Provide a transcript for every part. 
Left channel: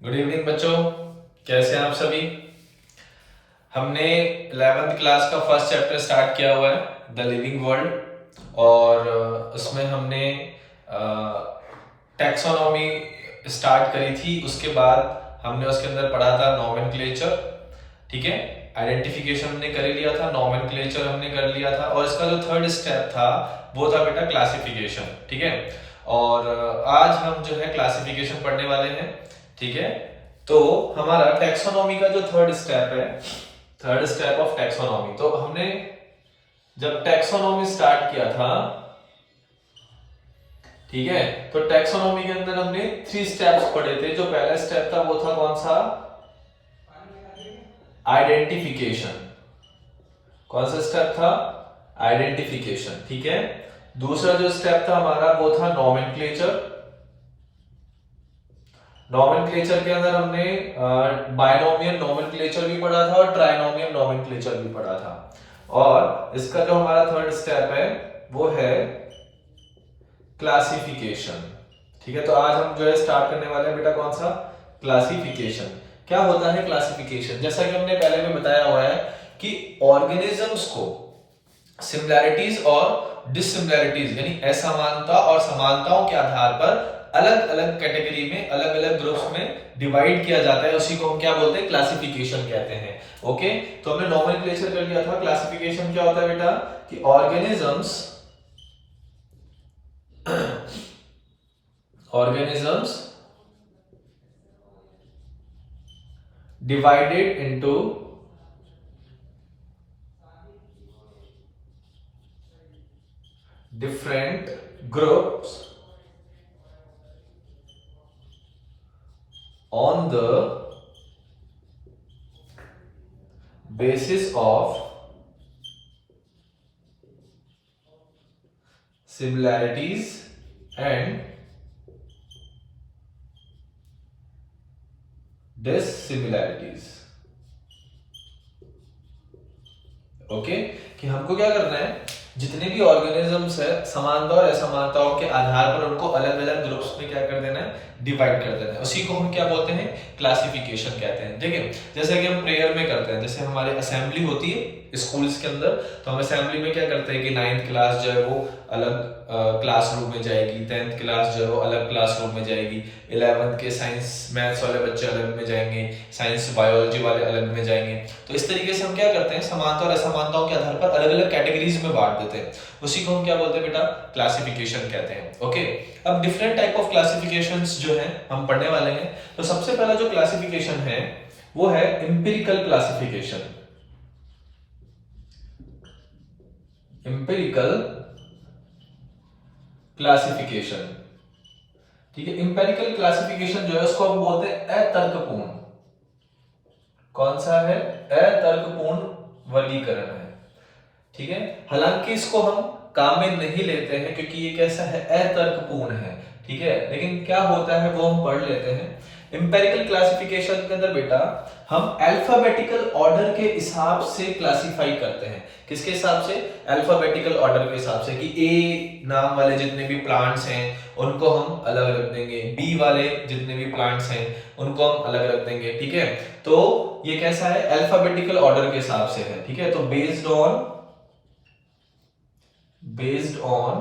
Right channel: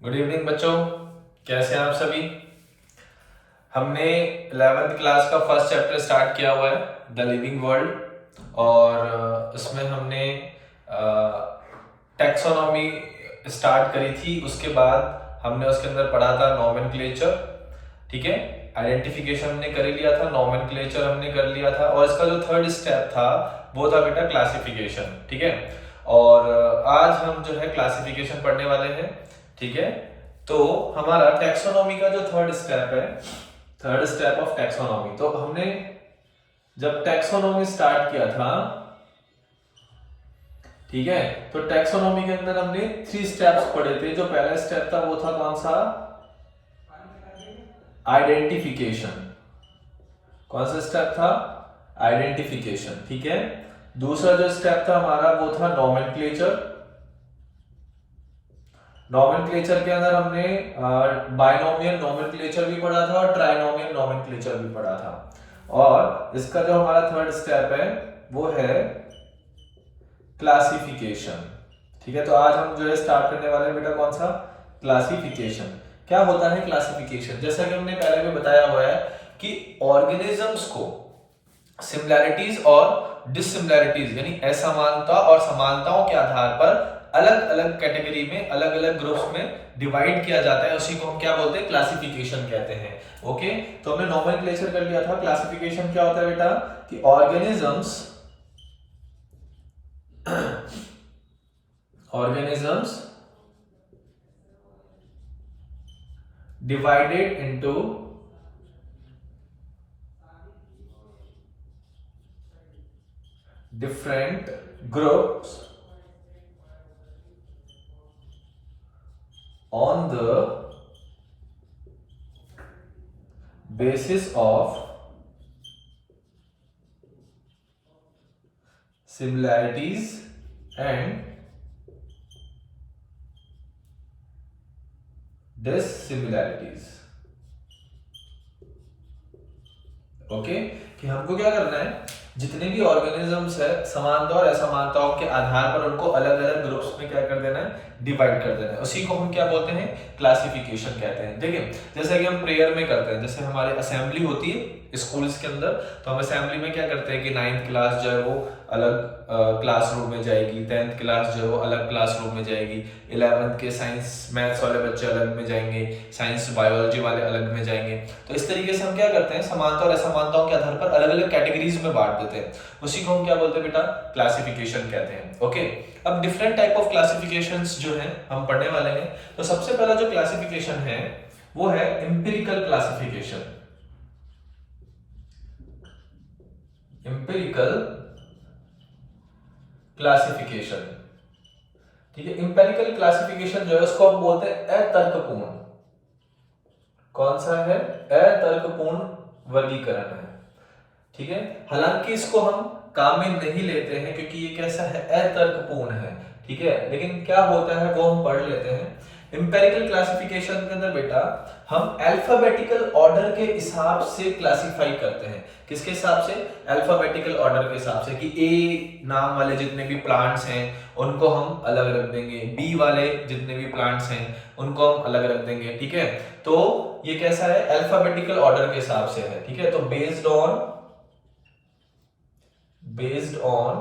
Good evening बच्चों, कैसे हैं आप सभी। हमने 11th क्लास का फर्स्ट चैप्टर स्टार्ट किया हुआ है, द लिविंग वर्ल्ड। और उसमें हमने टैक्सोनॉमी स्टार्ट करी थी। उसके बाद हमने उसके अंदर पढ़ा था नॉमेनक्लेचर, ठीक है। आइडेंटिफिकेशन हमने कर ही लिया था, नॉमेनक्लेचर हमने कर लिया था, और इसका जो थर्ड स्टेप था वो था बेटा क्लासिफिकेशन, ठीक है। और आज हम जो है क्लासिफिकेशन पढ़ने वाले हैं, ठीक है। तो हमारा टैक्सोनॉमी का जो थर्ड स्टेप है, थर्ड स्टेप ऑफ टैक्सोनॉमी, तो हमने जब टैक्सोनॉमी स्टार्ट किया था, ठीक है, तो टैक्सोनॉमी के अंदर हमने 3 स्टेप्स पढ़े थे। जो पहला स्टेप था वो था कौन सा? आइडेंटिफिकेशन। कौन सा स्टेप था? आइडेंटिफिकेशन, ठीक है। दूसरा जो स्टेप था हमारा वो था नॉमेनक्लेचर। नॉमेनक्लेचर के अंदर हमने बायनोमियल नॉमेनक्लेचर भी पढ़ा था और ट्राइनोमियल नॉमेनक्लेचर भी पढ़ा था। और इसका जो हमारा थर्ड स्टेप है वो है क्लासिफिकेशन, ठीक है। तो आज हम जो है स्टार्ट करने वाले हैं बेटा कौन सा? क्लासिफिकेशन। क्या होता है क्लासिफिकेशन? जैसा कि हमने पहले भी बताया हुआ है कि ऑर्गेनिजम्स को सिमिलैरिटीज और डिससिमिलैरिटीज यानी असमानता और समानताओं के आधार पर अलग अलग कैटेगरी में, अलग अलग ग्रुप्स में डिवाइड किया जाता है। उसी को हम क्या बोलते हैं? क्लासिफिकेशन कहते हैं। ओके, तो हमने नॉमेनक्लेचर कर लिया था। क्लासिफिकेशन क्या होता है बेटा? कि organisms organisms divided into different groups on the basis of similarities and dissimilarities। Okay, कि हमको क्या करना है, जितने भी ऑर्गेनिजम्स है समानता और असमानताओं के आधार पर उनको अलग अलग ग्रुप्स में क्या कर देना है? डिवाइड कर देना है। उसी को हम क्या बोलते हैं? क्लासिफिकेशन कहते हैं। देखिए, जैसे कि हम प्रेयर में करते हैं, जैसे हमारी असेंबली होती है स्कूल्स के अंदर, तो हम असेंबली में क्या करते हैं कि 9th क्लास जो है वो अलग क्लासरूम में जाएगी, 10th क्लास जो है वो अलग क्लासरूम में जाएगी, 11th के साइंस मैथ्स वाले बच्चे अलग में जाएंगे, साइंस बायोलॉजी वाले अलग में जाएंगे। तो इस तरीके से हम क्या करते हैं, समानता और असमानताओं के आधार पर अलग अलग कैटेगरीज में बांट देते हैं। उसी को हम क्या बोलते हैं बेटा? क्लासिफिकेशन कहते हैं। ओके, अब डिफरेंट टाइप ऑफ क्लासिफिकेशंस जो है हम पढ़ने वाले हैं। तो सबसे पहला जो क्लासिफिकेशन है वो है एम्पिरिकल क्लासिफिकेशन। एम्पिरिकल क्लासिफिकेशन, ठीक है। एम्पिरिकल क्लासिफिकेशन जो है उसको हम बोलते हैं अतर्कपूर्ण। कौन सा है? अतर्कपूर्ण वर्गीकरण है, ठीक है। हालांकि इसको हम काम में नहीं लेते हैं क्योंकि ये कैसा है? अतर्कपूर्ण है, ठीक है। लेकिन क्या होता है वो हम पढ़ लेते हैं। एम्पिरिकल क्लासिफिकेशन के अंदर बेटा हम अल्फाबेटिकल ऑर्डर के हिसाब से क्लासिफाई करते हैं। किसके हिसाब से? अल्फाबेटिकल ऑर्डर के हिसाब से, कि ए नाम वाले जितने भी प्लांट्स हैं उनको हम अलग रख देंगे, बी वाले जितने भी प्लांट्स हैं उनको हम अलग रख देंगे, ठीक है। तो ये कैसा है? अल्फाबेटिकल ऑर्डर के हिसाब से है, ठीक है। तो बेस्ड ऑन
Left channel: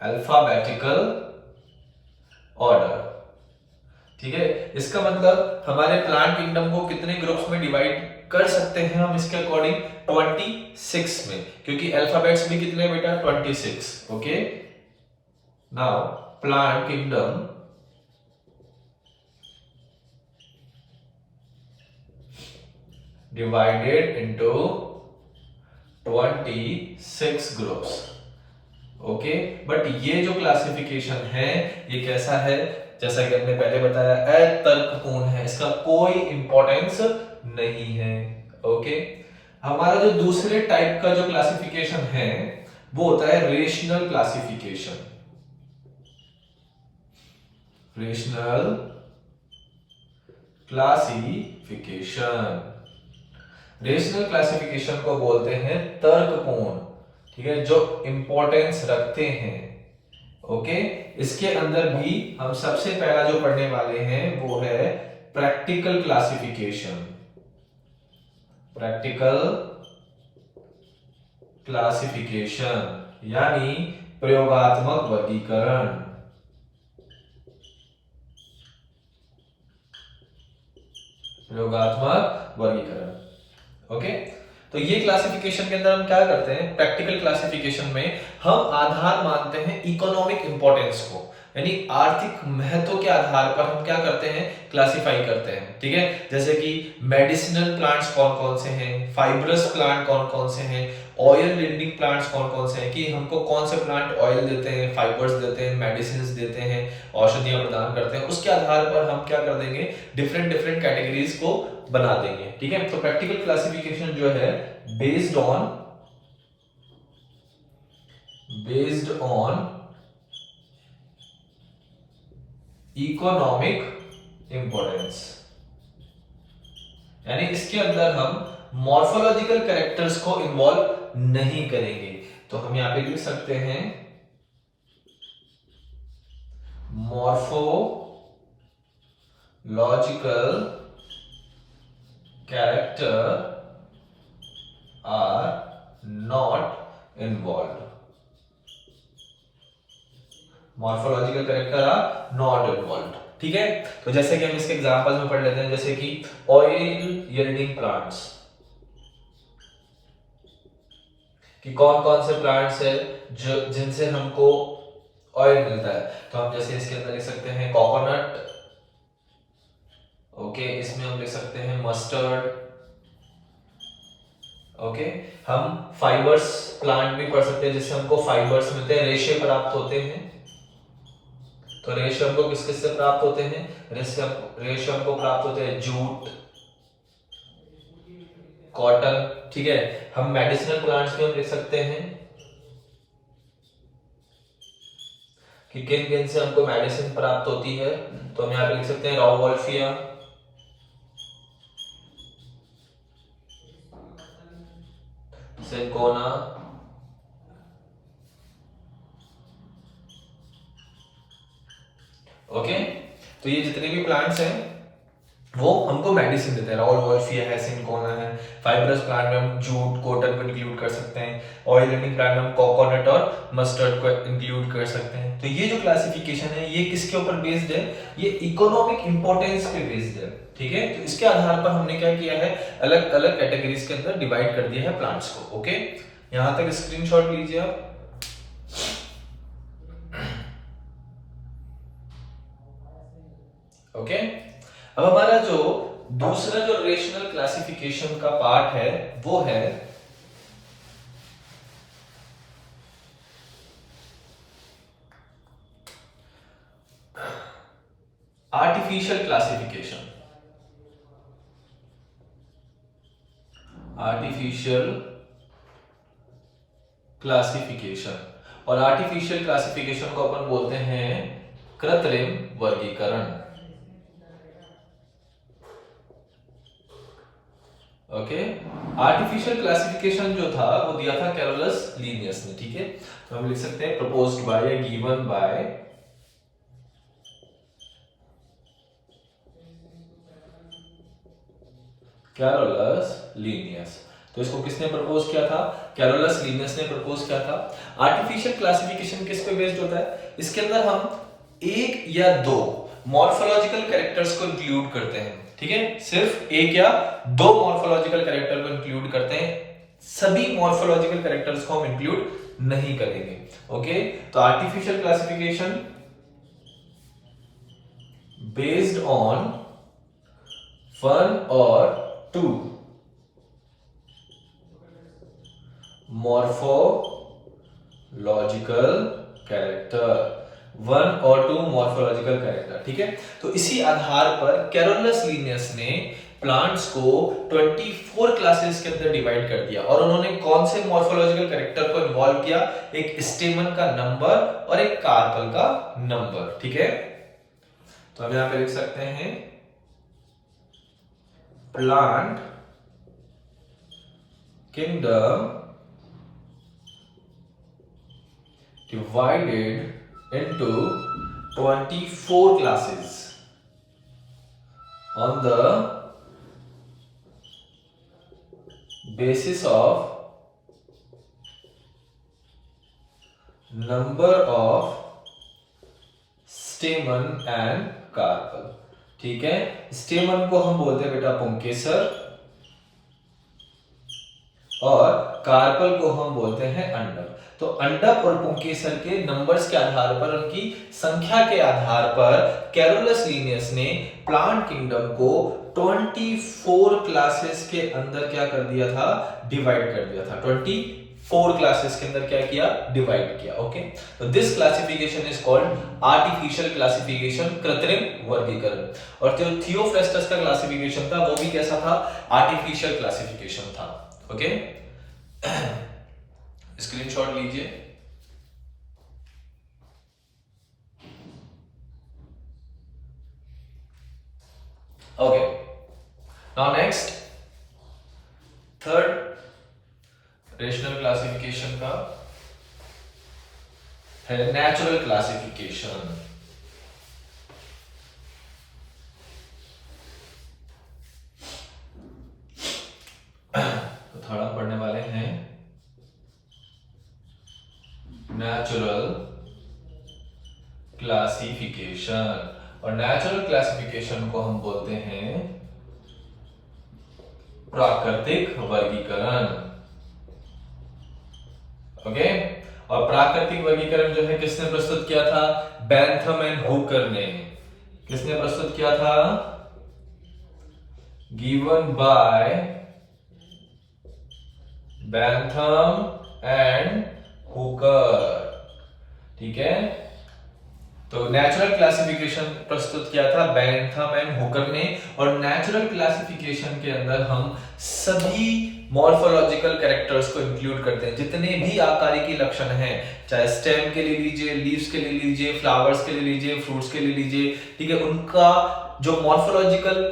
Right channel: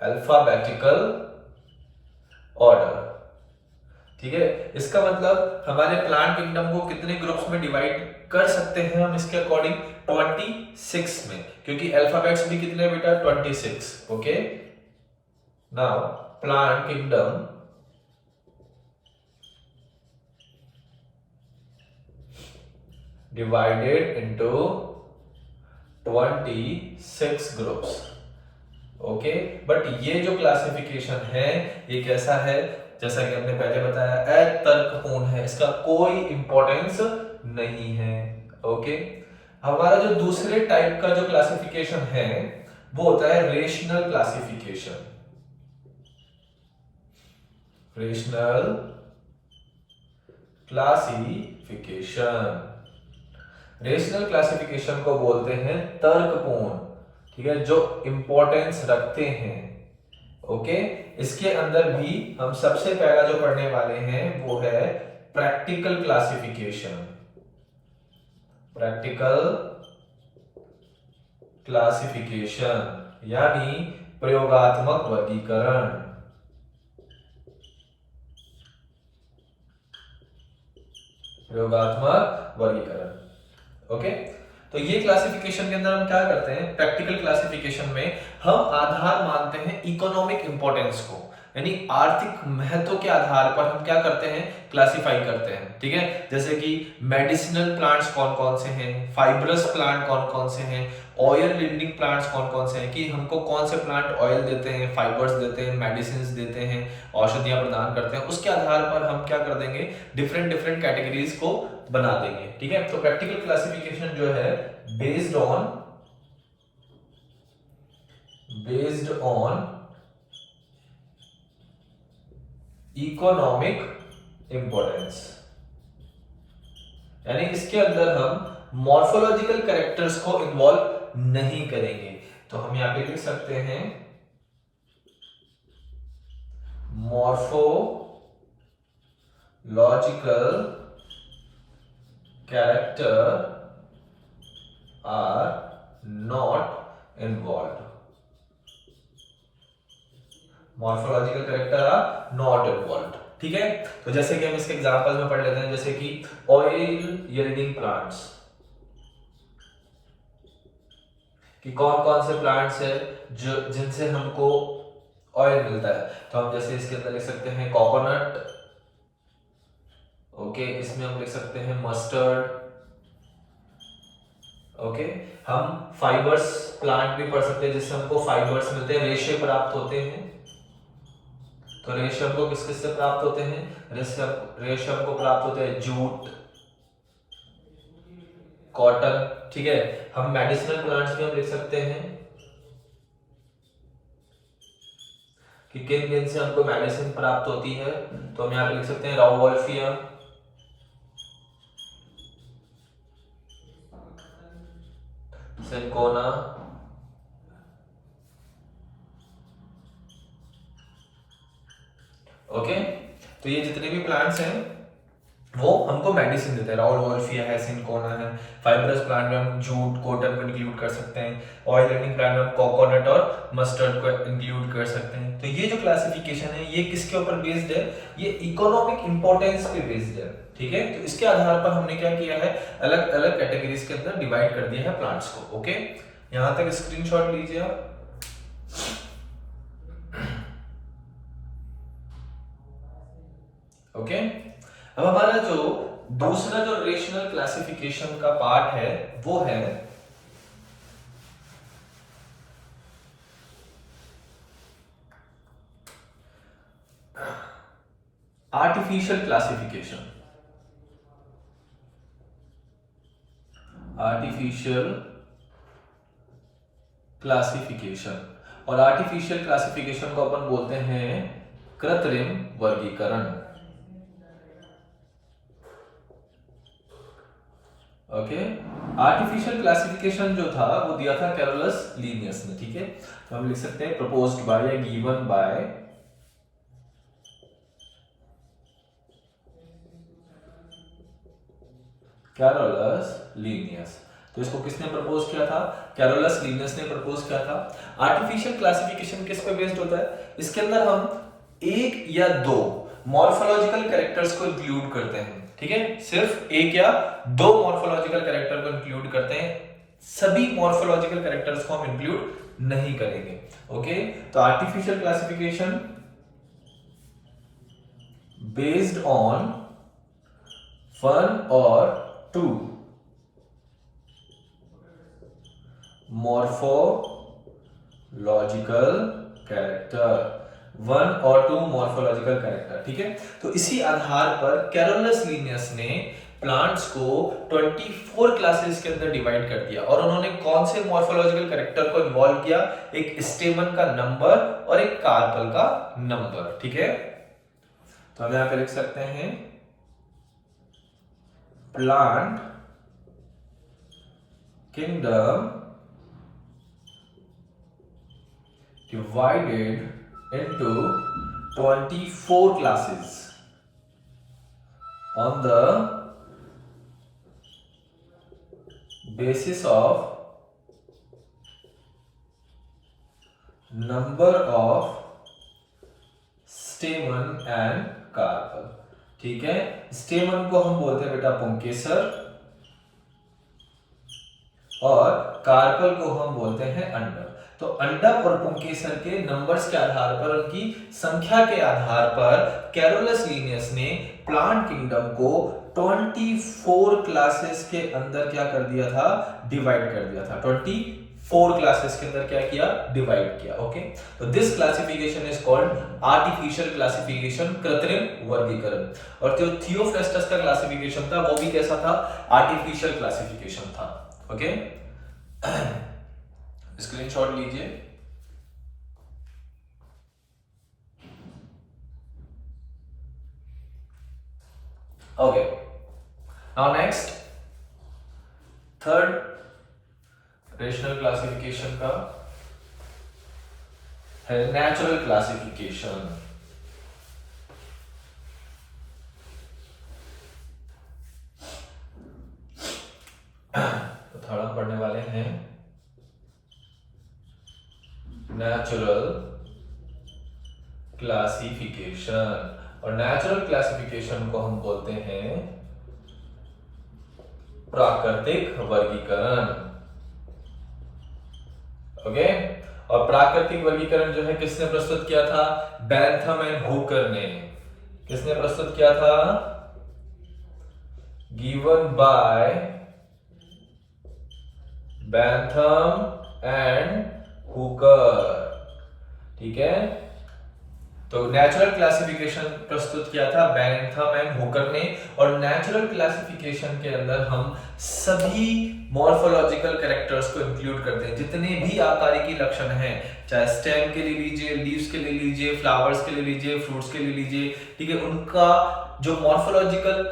अल्फाबेटिकल ऑर्डर, ठीक है। इसका मतलब हमारे प्लांट किंगडम को कितने ग्रुप्स में डिवाइड कर सकते हैं हम इसके अकॉर्डिंग? 26 में, क्योंकि अल्फाबेट्स भी कितने बेटा? 26। Okay, now plant kingdom divided into 26 groups. Okay, but ये जो क्लासिफिकेशन है ये कैसा है? जैसा कि हमने पहले बताया, अतर्कपूर्ण है, इसका कोई इंपॉर्टेंस नहीं है। ओके, हमारा जो दूसरे टाइप का जो क्लासिफिकेशन है वो होता है rational classification. Rational classification, rational classification को बोलते हैं तर्कपूर्ण, ठीक है, जो इंपॉर्टेंस रखते हैं। ओके, इसके अंदर भी हम सबसे पहला जो पढ़ने वाले हैं वो है प्रैक्टिकल क्लासिफिकेशन। प्रैक्टिकल क्लासिफिकेशन यानी प्रयोगात्मक वर्गीकरण। प्रयोगात्मक वर्गीकरण। ओके, तो ये क्लासिफिकेशन के अंदर हम क्या करते हैं, प्रैक्टिकल क्लासिफिकेशन में हम आधार मानते हैं इकोनॉमिक इंपॉर्टेंस को, यानी आर्थिक महत्व के आधार पर हम क्या करते हैं, क्लासिफाई करते हैं। ठीक है, जैसे कि मेडिसिनल प्लांट्स कौन कौन से हैं, फाइब्रस प्लांट कौन कौन से हैं, ऑयल लिंडिंग प्लांट्स कौन कौन से हैं, कि हमको कौन से प्लांट ऑयल देते हैं, फाइबर्स देते हैं, मेडिसिन देते हैं, औषधियां प्रदान करते हैं, उसके आधार पर हम क्या कर देंगे, डिफरेंट डिफरेंट कैटेगरीज को बना देंगे। ठीक है, तो प्रैक्टिकल क्लासिफिकेशन जो है बेस्ड ऑन इकोनॉमिक इंपॉर्टेंस, यानी इसके अंदर हम मॉर्फोलॉजिकल कैरेक्टर्स को इन्वॉल्व नहीं करेंगे। तो हम यहां पे लिख सकते हैं morphological character are not involve. Morphological character are not involve. ठीक है, तो जैसे कि हम इसके एग्जांपल में पढ़ लेते हैं, जैसे कि ऑयल यील्डिंग प्लांट्स, कि कौन कौन से प्लांट्स है जो जिनसे हमको ऑयल मिलता है। तो हम जैसे इसके अंदर लिख सकते हैं कोकोनट, ओके, इसमें हम लिख सकते हैं मस्टर्ड, ओके। हम फाइबर्स प्लांट भी पढ़ सकते हैं जिससे हमको फाइबर्स मिलते हैं, रेशे प्राप्त होते हैं। तो रेशे हमको किस किस से प्राप्त होते हैं, रेशे हमको प्राप्त होते हैं जूट, कॉटन। ठीक है, हम मेडिसिनल प्लांट्स भी हम लिख सकते हैं कि किन किन से हमको मेडिसिन प्राप्त होती है। तो हम यहाँ पे लिख सकते हैं राउवोल्फिया, सिंकोना, ओके। तो ये जितने भी प्लांट्स हैं वो हमको मेडिसिन देते हैं, राउवोल्फिया है, सिंकोना है। फाइब्रस प्लांट में हम जूट, कॉटन को इंक्लूड कर सकते हैं। ऑयल एंडिंग प्लांट में हम कोकोनट और मस्टर्ड को इंक्लूड कर सकते हैं। तो ये जो क्लासिफिकेशन है ये किसके ऊपर बेस्ड है, ये इकोनॉमिक इंपॉर्टेंस पे बेस्ड है। ठीक है, तो इसके आधार पर हमने क्या किया है, अलग अलग कैटेगरीज के अंदर डिवाइड कर दिया है प्लांट्स को। ओके, यहां तक स्क्रीनशॉट लीजिए आप। ओके, अब हमारा जो दूसरा जो रेशनल क्लासिफिकेशन का पार्ट है वो है आर्टिफिशियल क्लासिफिकेशन। आर्टिफिशियल क्लासिफिकेशन, और आर्टिफिशियल क्लासिफिकेशन को अपन बोलते हैं कृत्रिम वर्गीकरण। ओके, आर्टिफिशियल क्लासिफिकेशन जो था वो दिया था कैरोलस लीनियस ने। ठीक है, तो हम लिख सकते हैं प्रपोज्ड बाय या गिवन बाय कैरोलस लीनियस। तो इसको किसने प्रपोज किया था, कैरोलस लीनियस ने प्रपोज किया था। आर्टिफिशियल क्लासिफिकेशन किस पे बेस्ड होता है, इसके अंदर हम एक या दो मॉर्फोलॉजिकल कैरेक्टर्स को इंक्लूड करते हैं। ठीक है, सिर्फ एक या दो मॉर्फोलॉजिकल कैरेक्टर को इंक्लूड करते हैं, सभी मॉर्फोलॉजिकल कैरेक्टर्स को हम इंक्लूड नहीं करेंगे। ओके, तो artificial classification based on one और टू मॉर्फोलॉजिकल कैरेक्टर, वन और टू मॉर्फोलॉजिकल कैरेक्टर। ठीक है, तो इसी आधार पर कैरोलस लीनियस ने प्लांट्स को 24 क्लासेस के अंदर डिवाइड कर दिया, और उन्होंने कौन से मॉर्फोलॉजिकल कैरेक्टर को इन्वॉल्व किया, एक स्टेमन का नंबर और एक कार्पल का नंबर। ठीक है, तो हम यहां पे लिख सकते हैं plant kingdom divided into 24 classes on the basis of number of stamen and carpel। ठीक है, स्टेमन को हम बोलते हैं बेटा पुंकेसर और कार्पल को हम बोलते हैं अंडक। तो अंडक और पुंकेसर के नंबर्स के आधार पर, उनकी संख्या के आधार पर कैरोलस लिनियस ने प्लांट किंगडम को 24 क्लासेस के अंदर क्या कर दिया था, डिवाइड कर दिया था। 24 क्लासेस के अंदर क्या किया, डिवाइड किया। ओके, तो this classification is called artificial classification, कृत्रिम वर्गीकरण। और जो थियोफ्रेस्टस का क्लासिफिकेशन था वो भी कैसा था, आर्टिफिशियल क्लासिफिकेशन था। ओके, स्क्रीनशॉट लीजिए। Okay, now next third rational classification का है नेचुरल क्लासिफिकेशन। तो थर्ड हम पढ़ने वाले हैं नेचुरल क्लासिफिकेशन, और नेचुरल क्लासिफिकेशन को हम बोलते हैं प्राकृतिक वर्गीकरण। ओके, और प्राकृतिक वर्गीकरण जो है किसने प्रस्तुत किया था, बेंथम एंड हुकर ने। किसने प्रस्तुत किया था, given by Bentham and Hooker. ठीक है, तो नेचुरल क्लासिफिकेशन प्रस्तुत किया था बेंथम एंड हुकर ने। और नेचुरल क्लासिफिकेशन के अंदर हम सभी मॉर्फोलॉजिकल कैरेक्टर्स को इंक्लूड करते हैं, जितने भी आकारिकी लक्षण हैं, चाहे स्टेम के लिए लीजिए, लीव्स के लिए लीजिए, फ्लावर्स के लिए लीजिए, फ्रूट्स के लिए लीजिए। ठीक है, उनका जो मॉर्फोलॉजिकल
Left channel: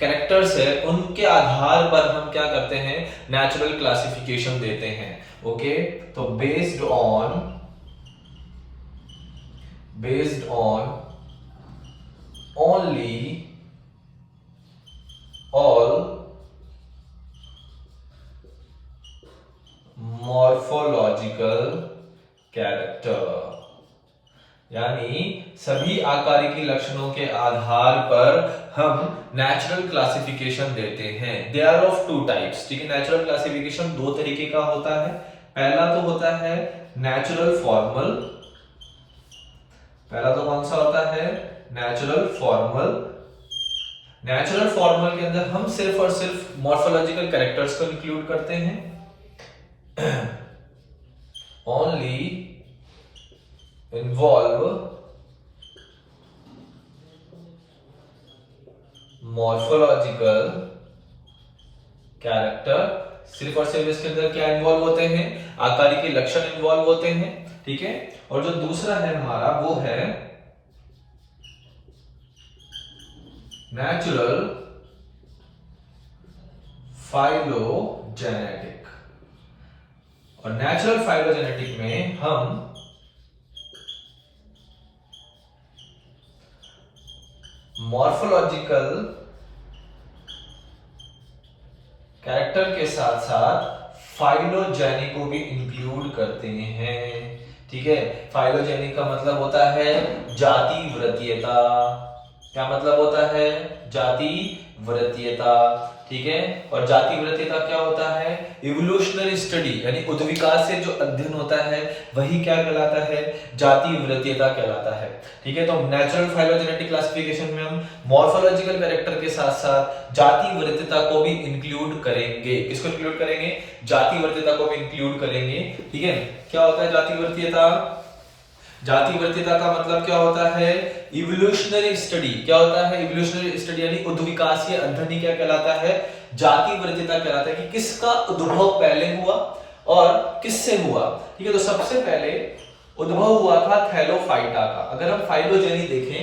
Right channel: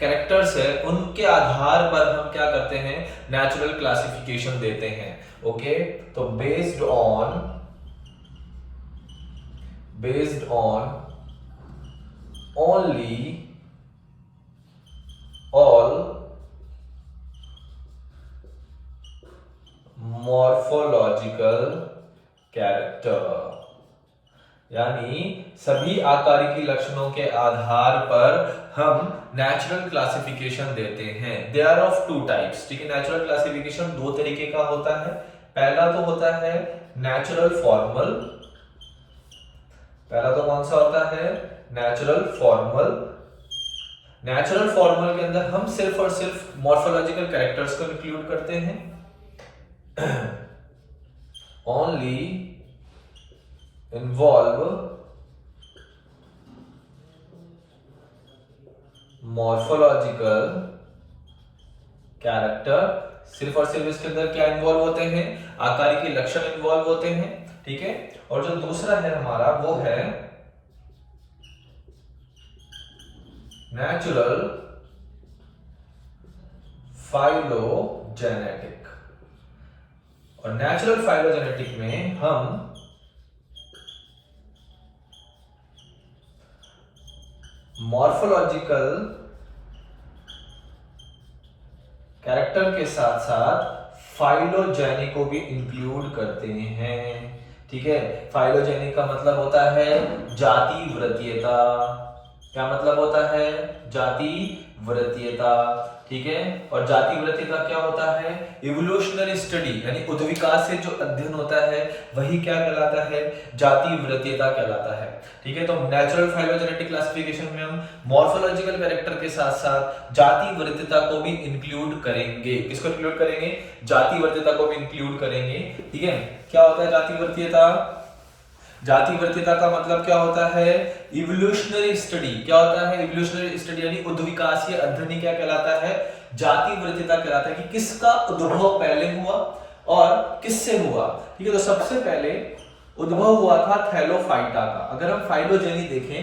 कैरेक्टर्स है उनके आधार पर हम क्या करते हैं, नेचुरल क्लासिफिकेशन देते हैं। ओके, तो based on only all morphological character, यानी सभी आकारिकी लक्षणों के आधार पर हम नेचुरल क्लासिफिकेशन देते हैं। They are of two types. ठीक है, नेचुरल क्लासिफिकेशन दो तरीके का होता है। पहला तो होता है नेचुरल फॉर्मल। पहला तो कौन सा होता है, नेचुरल फॉर्मल। नेचुरल फॉर्मल के अंदर हम सिर्फ और सिर्फ मॉर्फोलॉजिकल कैरेक्टर्स को इंक्लूड करते हैं। Only involve morphological character. सिर्फ और सिर्फ इसके अंदर क्या इन्वॉल्व होते हैं, आकारिकी लक्षण इन्वॉल्व होते हैं। ठीक है, और जो दूसरा है हमारा वो है नेचुरल फाइलोजेनेटिक। और नेचुरल फाइलोजेनेटिक में हम मॉर्फोलॉजिकल कैरेक्टर के साथ साथ फाइलोजेनी को भी इंक्लूड करते हैं। ठीक है, फाइलोजेनी का मतलब होता है जाति वृत्तीयता। क्या मतलब होता है, जाति वृत्तीयता। ठीक है, और जाति वृत्तीयता क्या होता है, इवोल्यूशनरी स्टडी, यानी उद्विकास से जो अध्ययन होता है वही क्या कहलाता है, जाति वृत्तीयता कहलाता है। ठीक है, तो नेचुरल फाइलोजेनेटिक क्लासिफिकेशन में हम मॉर्फोलॉजिकल कैरेक्टर के साथ साथ जाति वृत्तीयता को भी इंक्लूड करेंगे। किसको इंक्लूड करेंगे, जाति वृत्तीयता को भी इंक्लूड करेंगे। ठीक है, क्या होता है जाति वृत्तीयता, जाति वृत्तीयता का मतलब क्या होता है, इवोल्यूशनरी स्टडी। क्या होता है, इवोल्यूशनरी स्टडी, यानी उद्विकासीय अध्ययन क्या कहलाता है, जाति वृत्तीयता कहलाता है, कि किसका उद्भव पहले हुआ और किससे हुआ। ठीक है, तो सबसे पहले उद्भव हुआ था थैलोफाइटा का। अगर हम फाइलोजेनी देखें,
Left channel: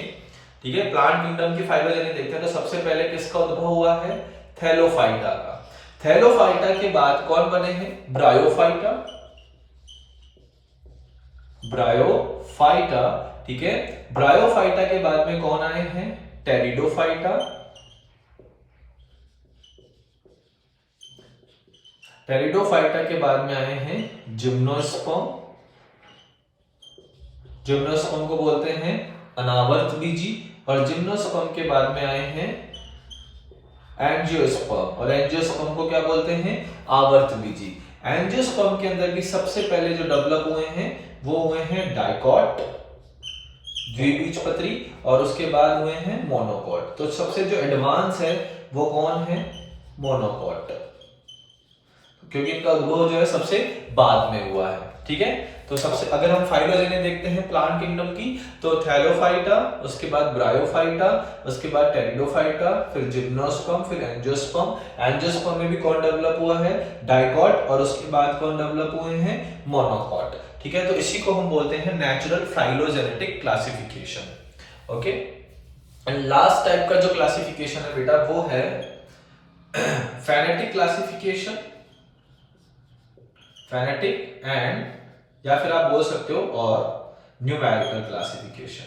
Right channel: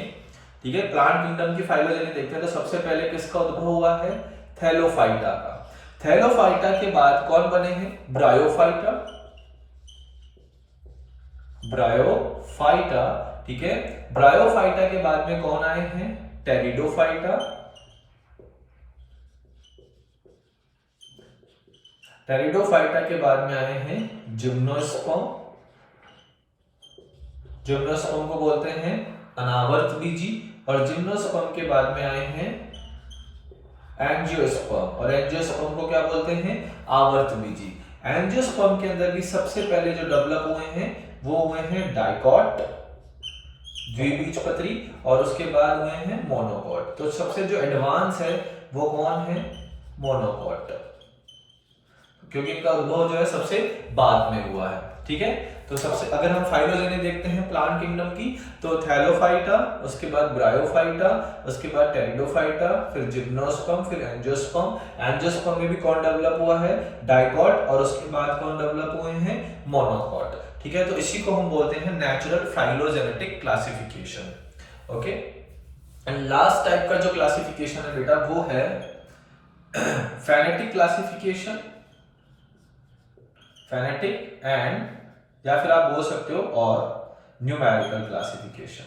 ठीक है, प्लांट किंगडम की फाइलोजेनी देखते हैं, तो सबसे पहले किसका उद्भव हुआ है, थैलोफाइटा का। थैलोफाइटा के बाद कौन बने हैं, ब्रायोफाइटा। ब्रायोफाइटा ठीक है। ब्रायोफाइटा के बाद में कौन आए हैं? टेरिडोफाइटा। टेरिडोफाइटा के बाद में आए हैं जिम्नोस्पर्म। जिम्नोस्पर्म को बोलते हैं अनावर्त बीजी। और जिम्नोस्पर्म के बाद में आए हैं एंजियोस्पर्म। और एंजियोस्पर्म को क्या बोलते हैं? आवर्त बीजी। एंजियोस्पर्म के अंदर भी सबसे पहले जो डेवलप हुए हैं वो हुए हैं डाइकॉट, द्विबीजपत्री, और उसके बाद हुए हैं मोनोकॉट। तो सबसे जो एडवांस है वो कौन है? मोनोकॉट, क्योंकि इनका उद्भव जो है सबसे बाद में हुआ है, ठीक है। तो सबसे अगर हम फाइलोजेने देखते हैं प्लांट किंगडम की, तो थैलोफाइटा, उसके बाद ब्रायोफाइटा, उसके बाद टेरिडोफाइटा, फिर जिम्नोस्पर्म, फिर एंजियोस्पर्म। एंजियोस्पर्म में भी कौन डेवलप हुआ है? डाइकॉट। और उसके बाद कौन डेवलप हुए हैं? मोनोकॉट, ठीक है। तो इसी को हम बोलते हैं natural phylogenetic classification, okay. And last type का जो क्लासिफिकेशन है बेटा वो है फेनेटिक क्लासिफिकेशन। फेनेटिक एंड, या फिर आप बोल सकते हो, और न्यूमेरिकल क्लासिफिकेशन।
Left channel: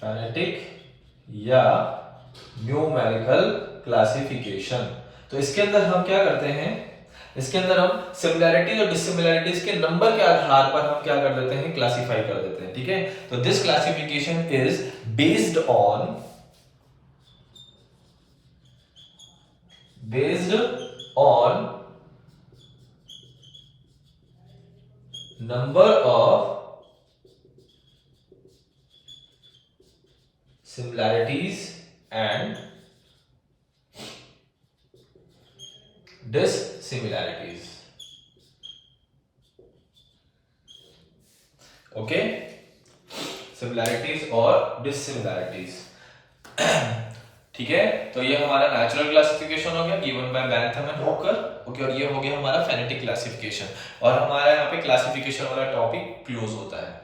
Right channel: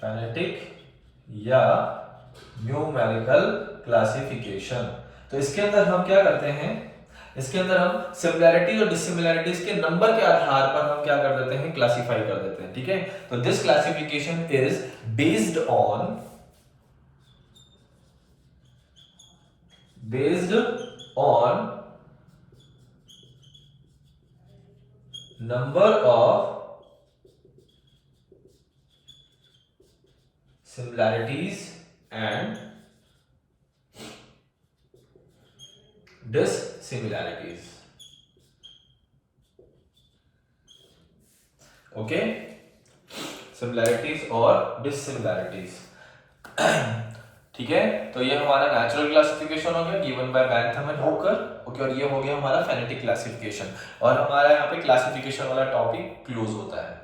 फेनेटिक या न्यूमेरिकल क्लासिफिकेशन। तो इसके अंदर हम क्या करते हैं? इसके अंदर हम सिमिलैरिटीज और डिसिमिलैरिटीज के नंबर के आधार पर हम क्या कर देते हैं? क्लासिफाई कर देते हैं, ठीक है। तो this classification is based on number of similarities and dissimilarities, okay. Similarities और डिससिमिलैरिटीज, ठीक है। तो ये हमारा नेचुरल क्लासिफिकेशन हो गया given by Bentham and Hooker, okay. और ये हो गया हमारा फेनेटिक क्लासिफिकेशन। और हमारा यहाँ पे क्लासिफिकेशन वाला टॉपिक क्लोज होता है,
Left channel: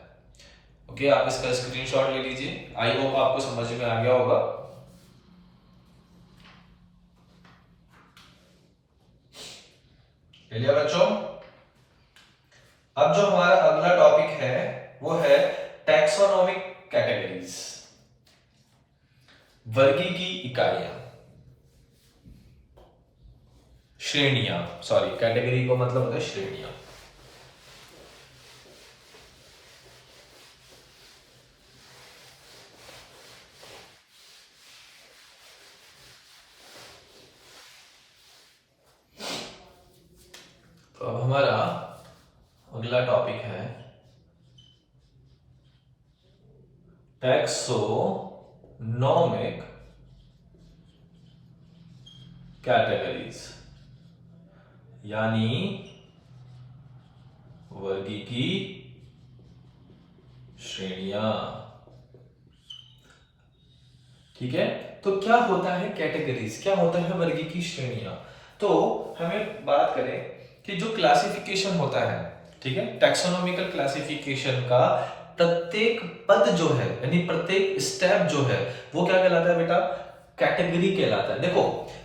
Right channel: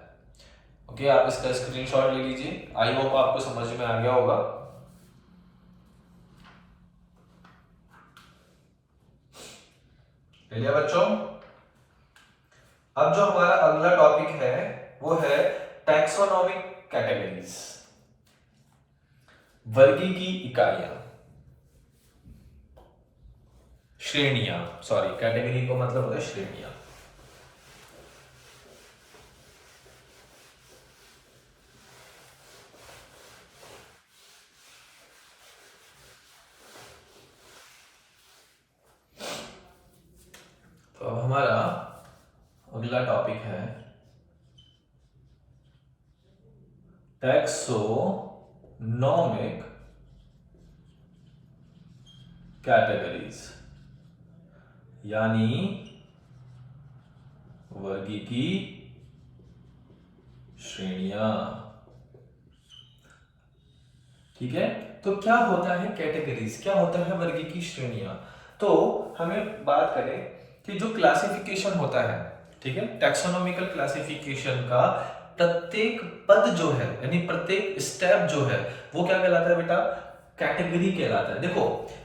ओके। आप इसका स्क्रीनशॉट ले लीजिए। आई होप आपको समझ में आ गया होगा। ले लिया बच्चों? अब जो हमारा अगला टॉपिक है वो है टैक्सोनॉमिक कैटेगरीज, वर्गीकी इकाइयां, श्रेणियां। सॉरी, कैटेगरी को मतलब होता है श्रेणियां। तो अब हमारा अगला टॉपिक है टैक्सोनॉमिक कैटेगरीज, यानी वर्गीकी श्रेणियां, ठीक है। तो क्या होता है कैटेगरीज, क्या होता है वर्गीकी श्रेणियां? तो हमें बात करें कि जो क्लासिफिकेशन होता है, ठीक है, टैक्सोनॉमिकल क्लासिफिकेशन का प्रत्येक पद जो है, यानी प्रत्येक स्टेप जो है, वो क्या कहलाता है बेटा? कैटेगरी कहलाता है। देखो,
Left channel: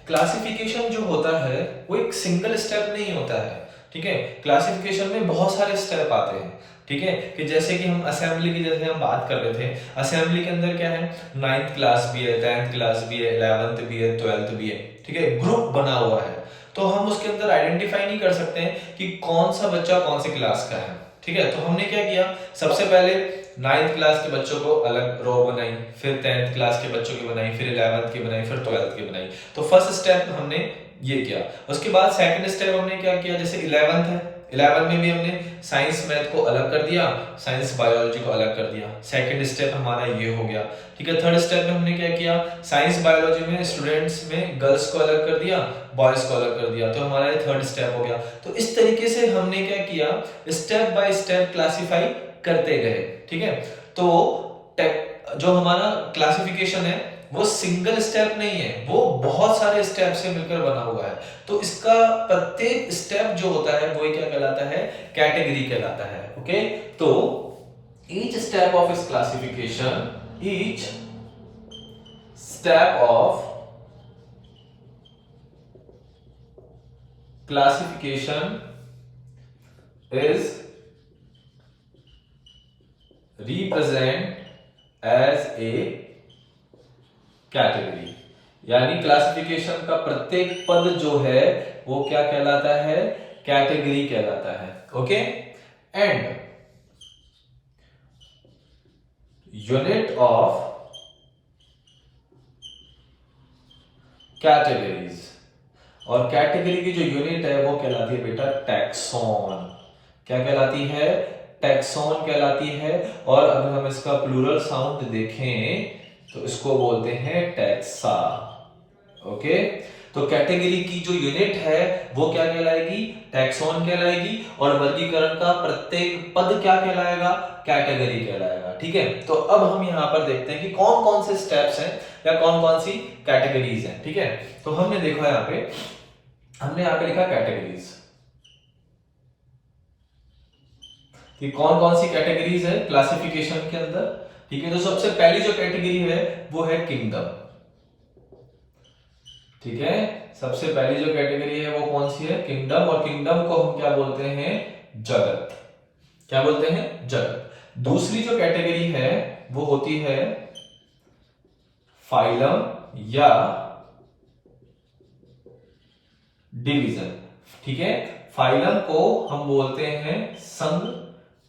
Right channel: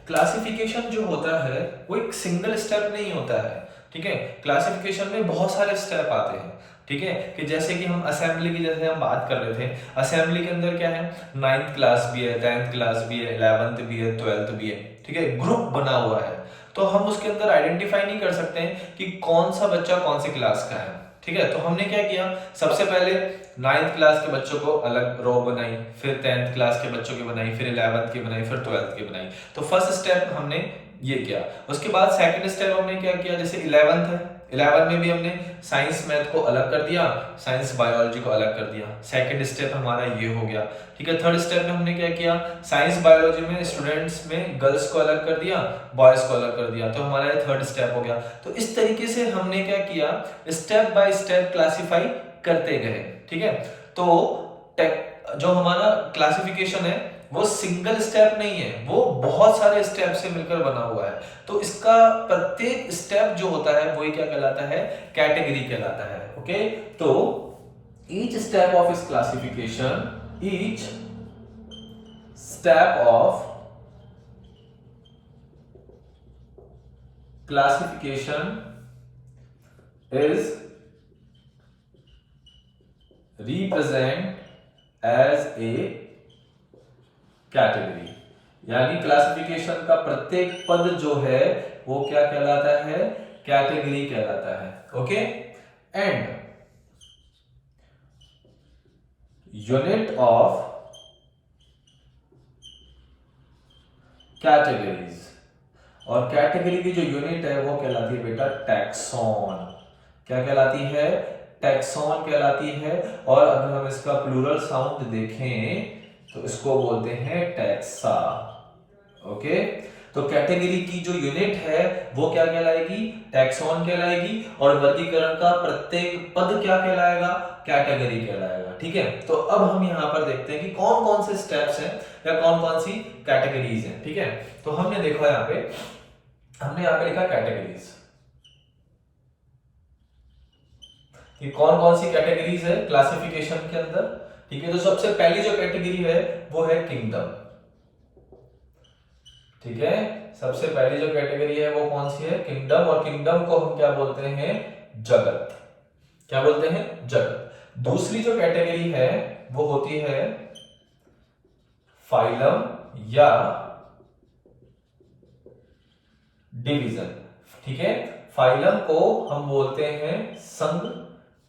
क्लासिफिकेशन जो होता है वो एक सिंगल स्टेप नहीं होता है, ठीक है। क्लासिफिकेशन में बहुत सारे स्टेप आते हैं, ठीक है। कि जैसे कि हम असेंबली की जैसे हम बात कर रहे थे, असेंबली के अंदर क्या है? 9th क्लास भी है, 10th क्लास भी है, 11th भी है, 12th भी है, ठीक है। ग्रुप बना हुआ है, तो हम उसके अंदर आइडेंटिफाई नहीं कर सकते हैं कि कौन सा बच्चा कौन सी क्लास का है, ठीक है। तो हमने क्या किया? सबसे पहले 9th क्लास के बच्चों को अलग रो बनाई, फिर 10th क्लास के बच्चों की बनाई, फिर 11th की बनाई, फिर 12th की बनाई। तो फर्स्ट स्टेप हमने ये किया। उसके बाद सेकंड स्टेप हमने क्या किया? जैसे 11th है, 11 में भी हमने साइंस मैथ को अलग कर दिया, साइंस बायोलॉजी को अलग कर दिया। सेकंड स्टेप हमारा ये हो गया, ठीक है। थर्ड स्टेप में हमने क्या किया? साइंस बायोलॉजी में स्टूडेंट्स में गर्ल्स को अलग कर दिया, बॉयज को अलग कर दिया। तो हमारा ये थर्ड स्टेप हो गया। तो इस तरीके से हमने क्या किया? स्टेप बाय स्टेप क्लासिफाई करते गए, ठीक है। तो जो हमारा क्लासिफिकेशन है वो सिंगल स्टेप नहीं है, वो बहुत सारे स्टेप से मिलकर बना हुआ है। तो इसका प्रत्येक स्टेप जो होता है वो क्या कहलाता है? कैटेगरी कहलाता है, ओके। तो ईच स्टेप ऑफ इस classification, each step of classification is represent as a category, यानी क्लासिफिकेशन का प्रत्येक पद जो है वो क्या कहलाता है, कैटेगरी कहलाता है। Okay, and unit of categories, और कैटेगरी की जो यूनिट है वो कहलाती है बेटा टैक्सॉन। क्या कहलाती है, टैक्सॉन कहलाती है। और अगर हम इसका प्लूरल साउंड देखें तो इसको बोलते हैं टैक्सा। ओके, तो कैटेगरी की जो यूनिट है वो क्या कहलाएगी, टैक्सॉन कहलाएगी, और वर्गीकरण का प्रत्येक पद क्या कहलाएगा, कैटेगरी कहलाएगा। ठीक है, तो अब हम यहां पर देखते हैं कि कौन कौन से स्टेप्स हैं या कौन कौन सी कैटेगरीज हैं। ठीक है, तो हमने देखा हमने यहां पे लिखा कैटेगरीज कि कौन कौन सी कैटेगरीज है क्लासिफिकेशन के अंदर। ठीक है, तो सबसे पहली जो कैटेगरी है वो है किंगडम। ठीक है, सबसे पहली जो कैटेगरी है वो कौन सी है, किंगडम। और किंगडम को हम क्या बोलते हैं, जगत। क्या बोलते हैं, जगत। दूसरी जो कैटेगरी है वो होती है फाइलम या डिवीजन। ठीक है, फाइलम को हम बोलते हैं संघ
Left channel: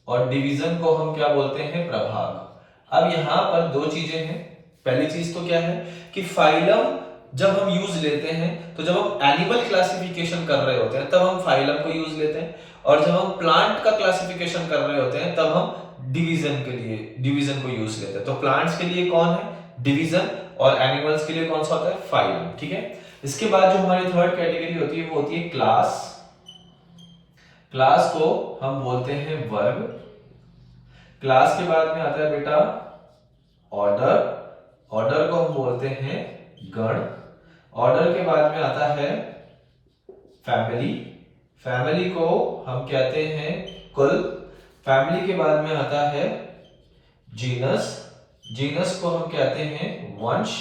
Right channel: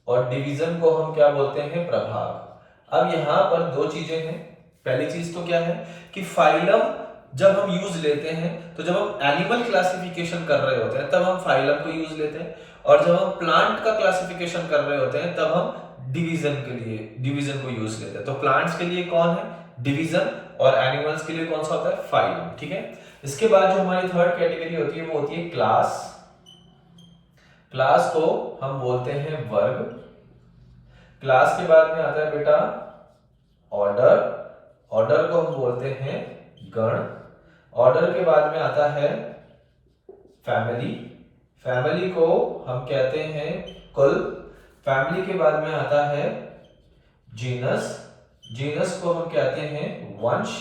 और डिवीजन को हम क्या बोलते हैं, प्रभाग। अब यहां पर दो चीजें हैं। पहली चीज तो क्या है कि फाइलम जब हम यूज लेते हैं तो जब हम एनिमल क्लासिफिकेशन कर रहे होते हैं तब हम फाइलम को यूज लेते हैं, और जब हम प्लांट का क्लासिफिकेशन कर रहे होते हैं तब हम डिवीजन के लिए डिवीजन को यूज लेते हैं। तो प्लांट्स के लिए कौन है, डिवीजन, और एनिमल्स के लिए कौन सा होता है, फाइलम। ठीक है, इसके बाद जो हमारी थर्ड कैटेगरी होती है वो होती है क्लास। क्लास को हम बोलते हैं वर्ग। क्लास के बाद में आता है बेटा ऑर्डर। ऑर्डर को हम बोलते हैं गण। ऑर्डर के बाद में आता है फैमिली। फैमिली को हम कहते हैं कुल। फैमिली के बाद में आता है जीनस। जीनस को हम कहते हैं वंश।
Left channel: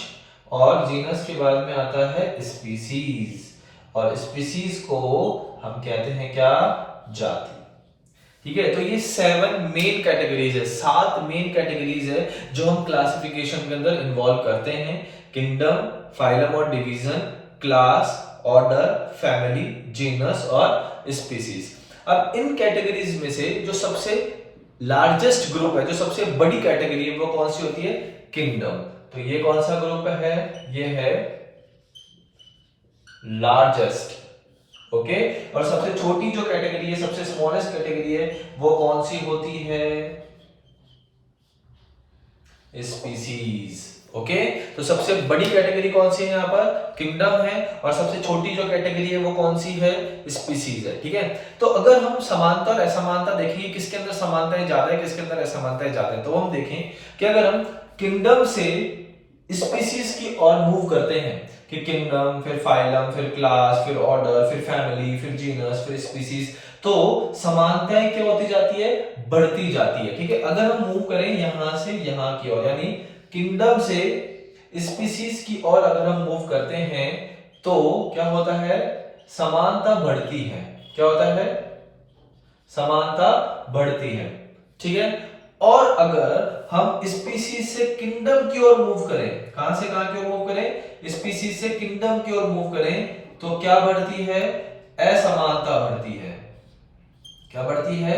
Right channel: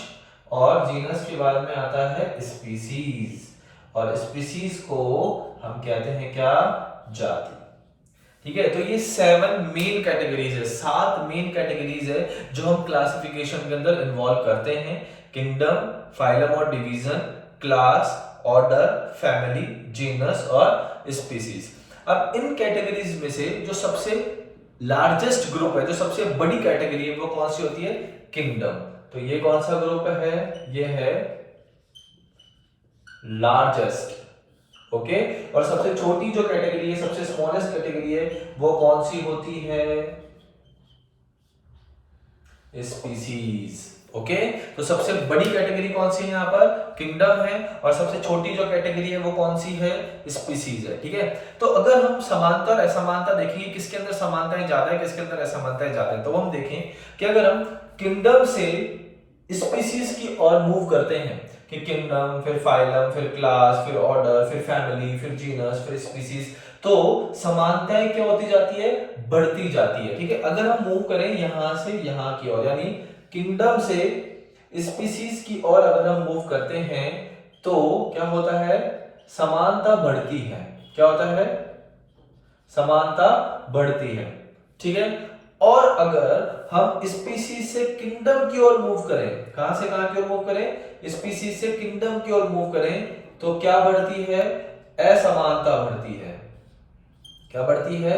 और जीनस के बाद में आता है स्पीसीज। और स्पीसीज को हम कहते हैं क्या, जाति। ठीक है, तो ये 7 मेन कैटेगरीज है, 7 मेन कैटेगरीज है जो हम क्लासिफिकेशन के अंदर इन्वॉल्व करते हैं। किंगडम, फाइलम और division, class, order, family, genus और स्पीसीज। अब इन कैटेगरीज में से जो सबसे लार्जेस्ट ग्रुप है, जो सबसे बड़ी कैटेगरी है, वो कौन सी होती है, किंगडम। तो ये कौन सा ग्रुप है, ये है लार्जेस्ट। ओके, और सबसे छोटी जो कैटेगरी है, सबसे स्मॉलेस्ट कैटेगरी है, वो कौन सी होती है, स्पीसीज। ओके, तो सबसे बड़ी कैटेगरी कौन सी है यहाँ पर, किंगडम है, और सबसे छोटी जो कैटेगरी है वो कौन सी है, स्पीसीज है। ठीक है, तो अगर हम समानता और असमानता देखेंगे, किसके अंदर समानताएं ज्यादा है, किसके अंदर असमानताएं ज्यादा है, तो हम देखें कि अगर हम किंगडम से स्पीसीज की ओर मूव करते हैं कि किंगडम, फिर फाइलम, फिर क्लास, फिर ऑर्डर, फिर फैमिली, फिर जीनस, फिर स्पीसीज, तो समानताएं क्या होती जाती है, बढ़ती जाती है। ठीक है, अगर हम मूव करें यहां से यहां की ओर, यानी किंगडम से स्पीसीज की ओर अगर हम मूव करते हैं तो क्या होता है, समानता बढ़ती है। क्या होता है, समानता बढ़ती है। ठीक है, और अगर हम स्पीसीज से किंगडम की ओर मूव करें, कहां से कहां की ओर मूव करें, स्पीसीज से किंगडम की ओर मूव करें, तो क्या बढ़ती है, असमानता बढ़ती है। क्या बढ़ती है,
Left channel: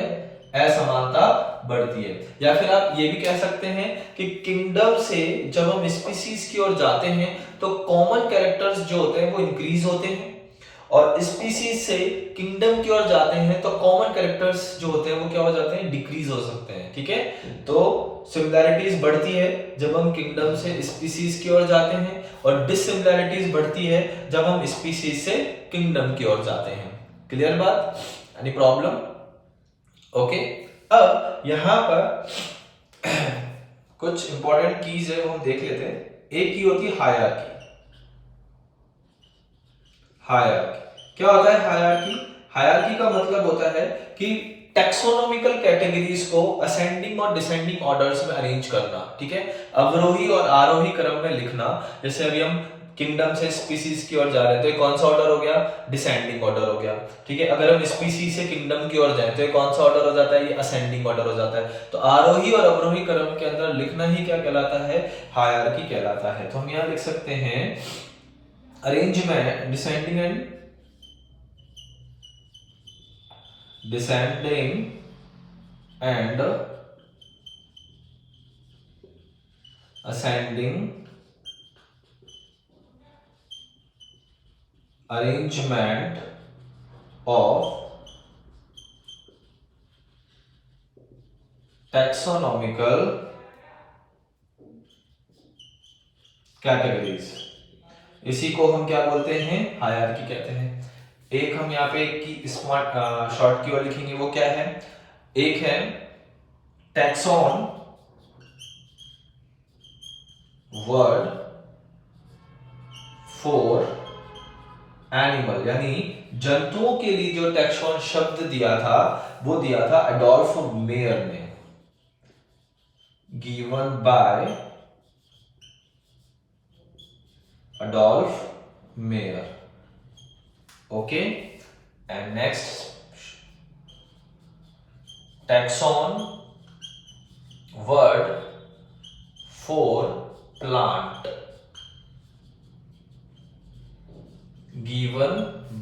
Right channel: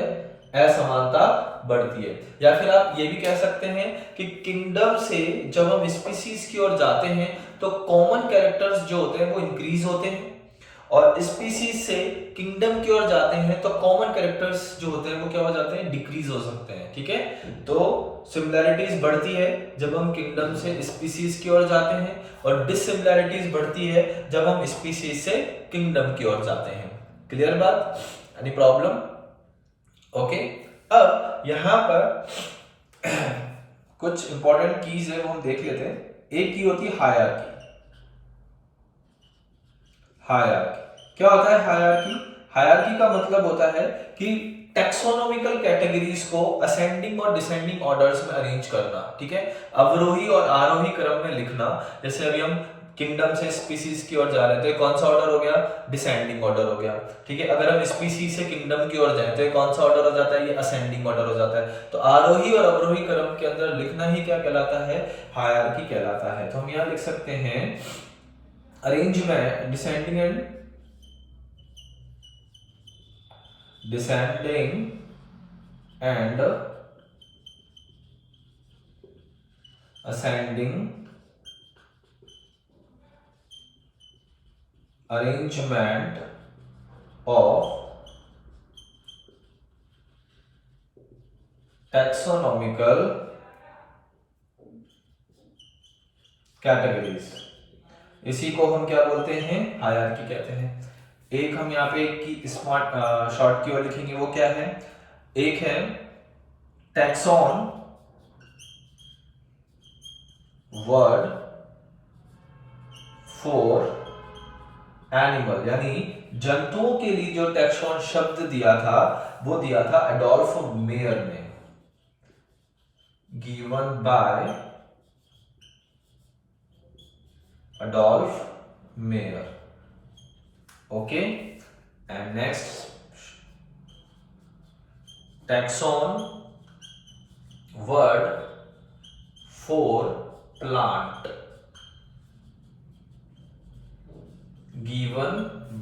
असमानता बढ़ती है। या फिर आप ये भी कह सकते हैं कि किंगडम से जब हम स्पीसीज की ओर जाते हैं तो कॉमन कैरेक्टर्स जो होते हैं वो इंक्रीज होते हैं, और स्पीसीज से किंगडम की ओर जाते हैं तो कॉमन कैरेक्टर्स जो होते हैं वो क्या हो जाते हैं, डिक्रीज हो सकते हैं। ठीक है, तो सिमिलैरिटीज बढ़ती है जब हम किंगडम से स्पीसीज की ओर जाते हैं, और डिसिमिलैरिटीज बढ़ती है जब हम स्पीसीज से किंगडम की ओर जाते हैं। क्लियर बात, एनी प्रॉब्लम? ओके, अब यहां पर कुछ इंपॉर्टेंट कीज है वो हम देख लेते हैं। एक की होती है हायरार्की। हायरार्की क्या होता है, हायरार्की, हायरार्की का मतलब होता है कि टैक्सोनॉमिकल कैटेगरीज को असेंडिंग और डिसेंडिंग ऑर्डर्स में अरेंज करना। ठीक है, अवरोही और आरोही क्रम में लिखना। जैसे अभी हम किंगडम से स्पीसीज की ओर जा रहे हैं तो ये कौन सा ऑर्डर हो गया, डिसेंडिंग ऑर्डर हो गया। ठीक है, अगर हम स्पीसीज से किंगडम की ओर जाए तो ये कौन सा ऑर्डर हो जाता है, ये असेंडिंग ऑर्डर हो जाता है। तो आरोही और अवरोही क्रम के अंदर लिखना ही क्या कहलाता है, हायरार्की कहलाता है। तो हम यहां लिख सकते हैं arrangement descending and ascending arrangement of taxonomical categories, इसी को हम क्या बोलते हैं, हायरार्की कहते हैं। एक हम यहाँ पे की स्मार्ट शॉर्ट की ओर लिखेंगे, वो क्या है, एक है टैक्सॉन वर्ड फॉर एनिमल, यानी जंतुओं के लिए जो टैक्सॉन शब्द दिया था वो दिया था एडोल्फ मेयर ने, given by Adolf mayor. Okay, and next taxon word for plant, given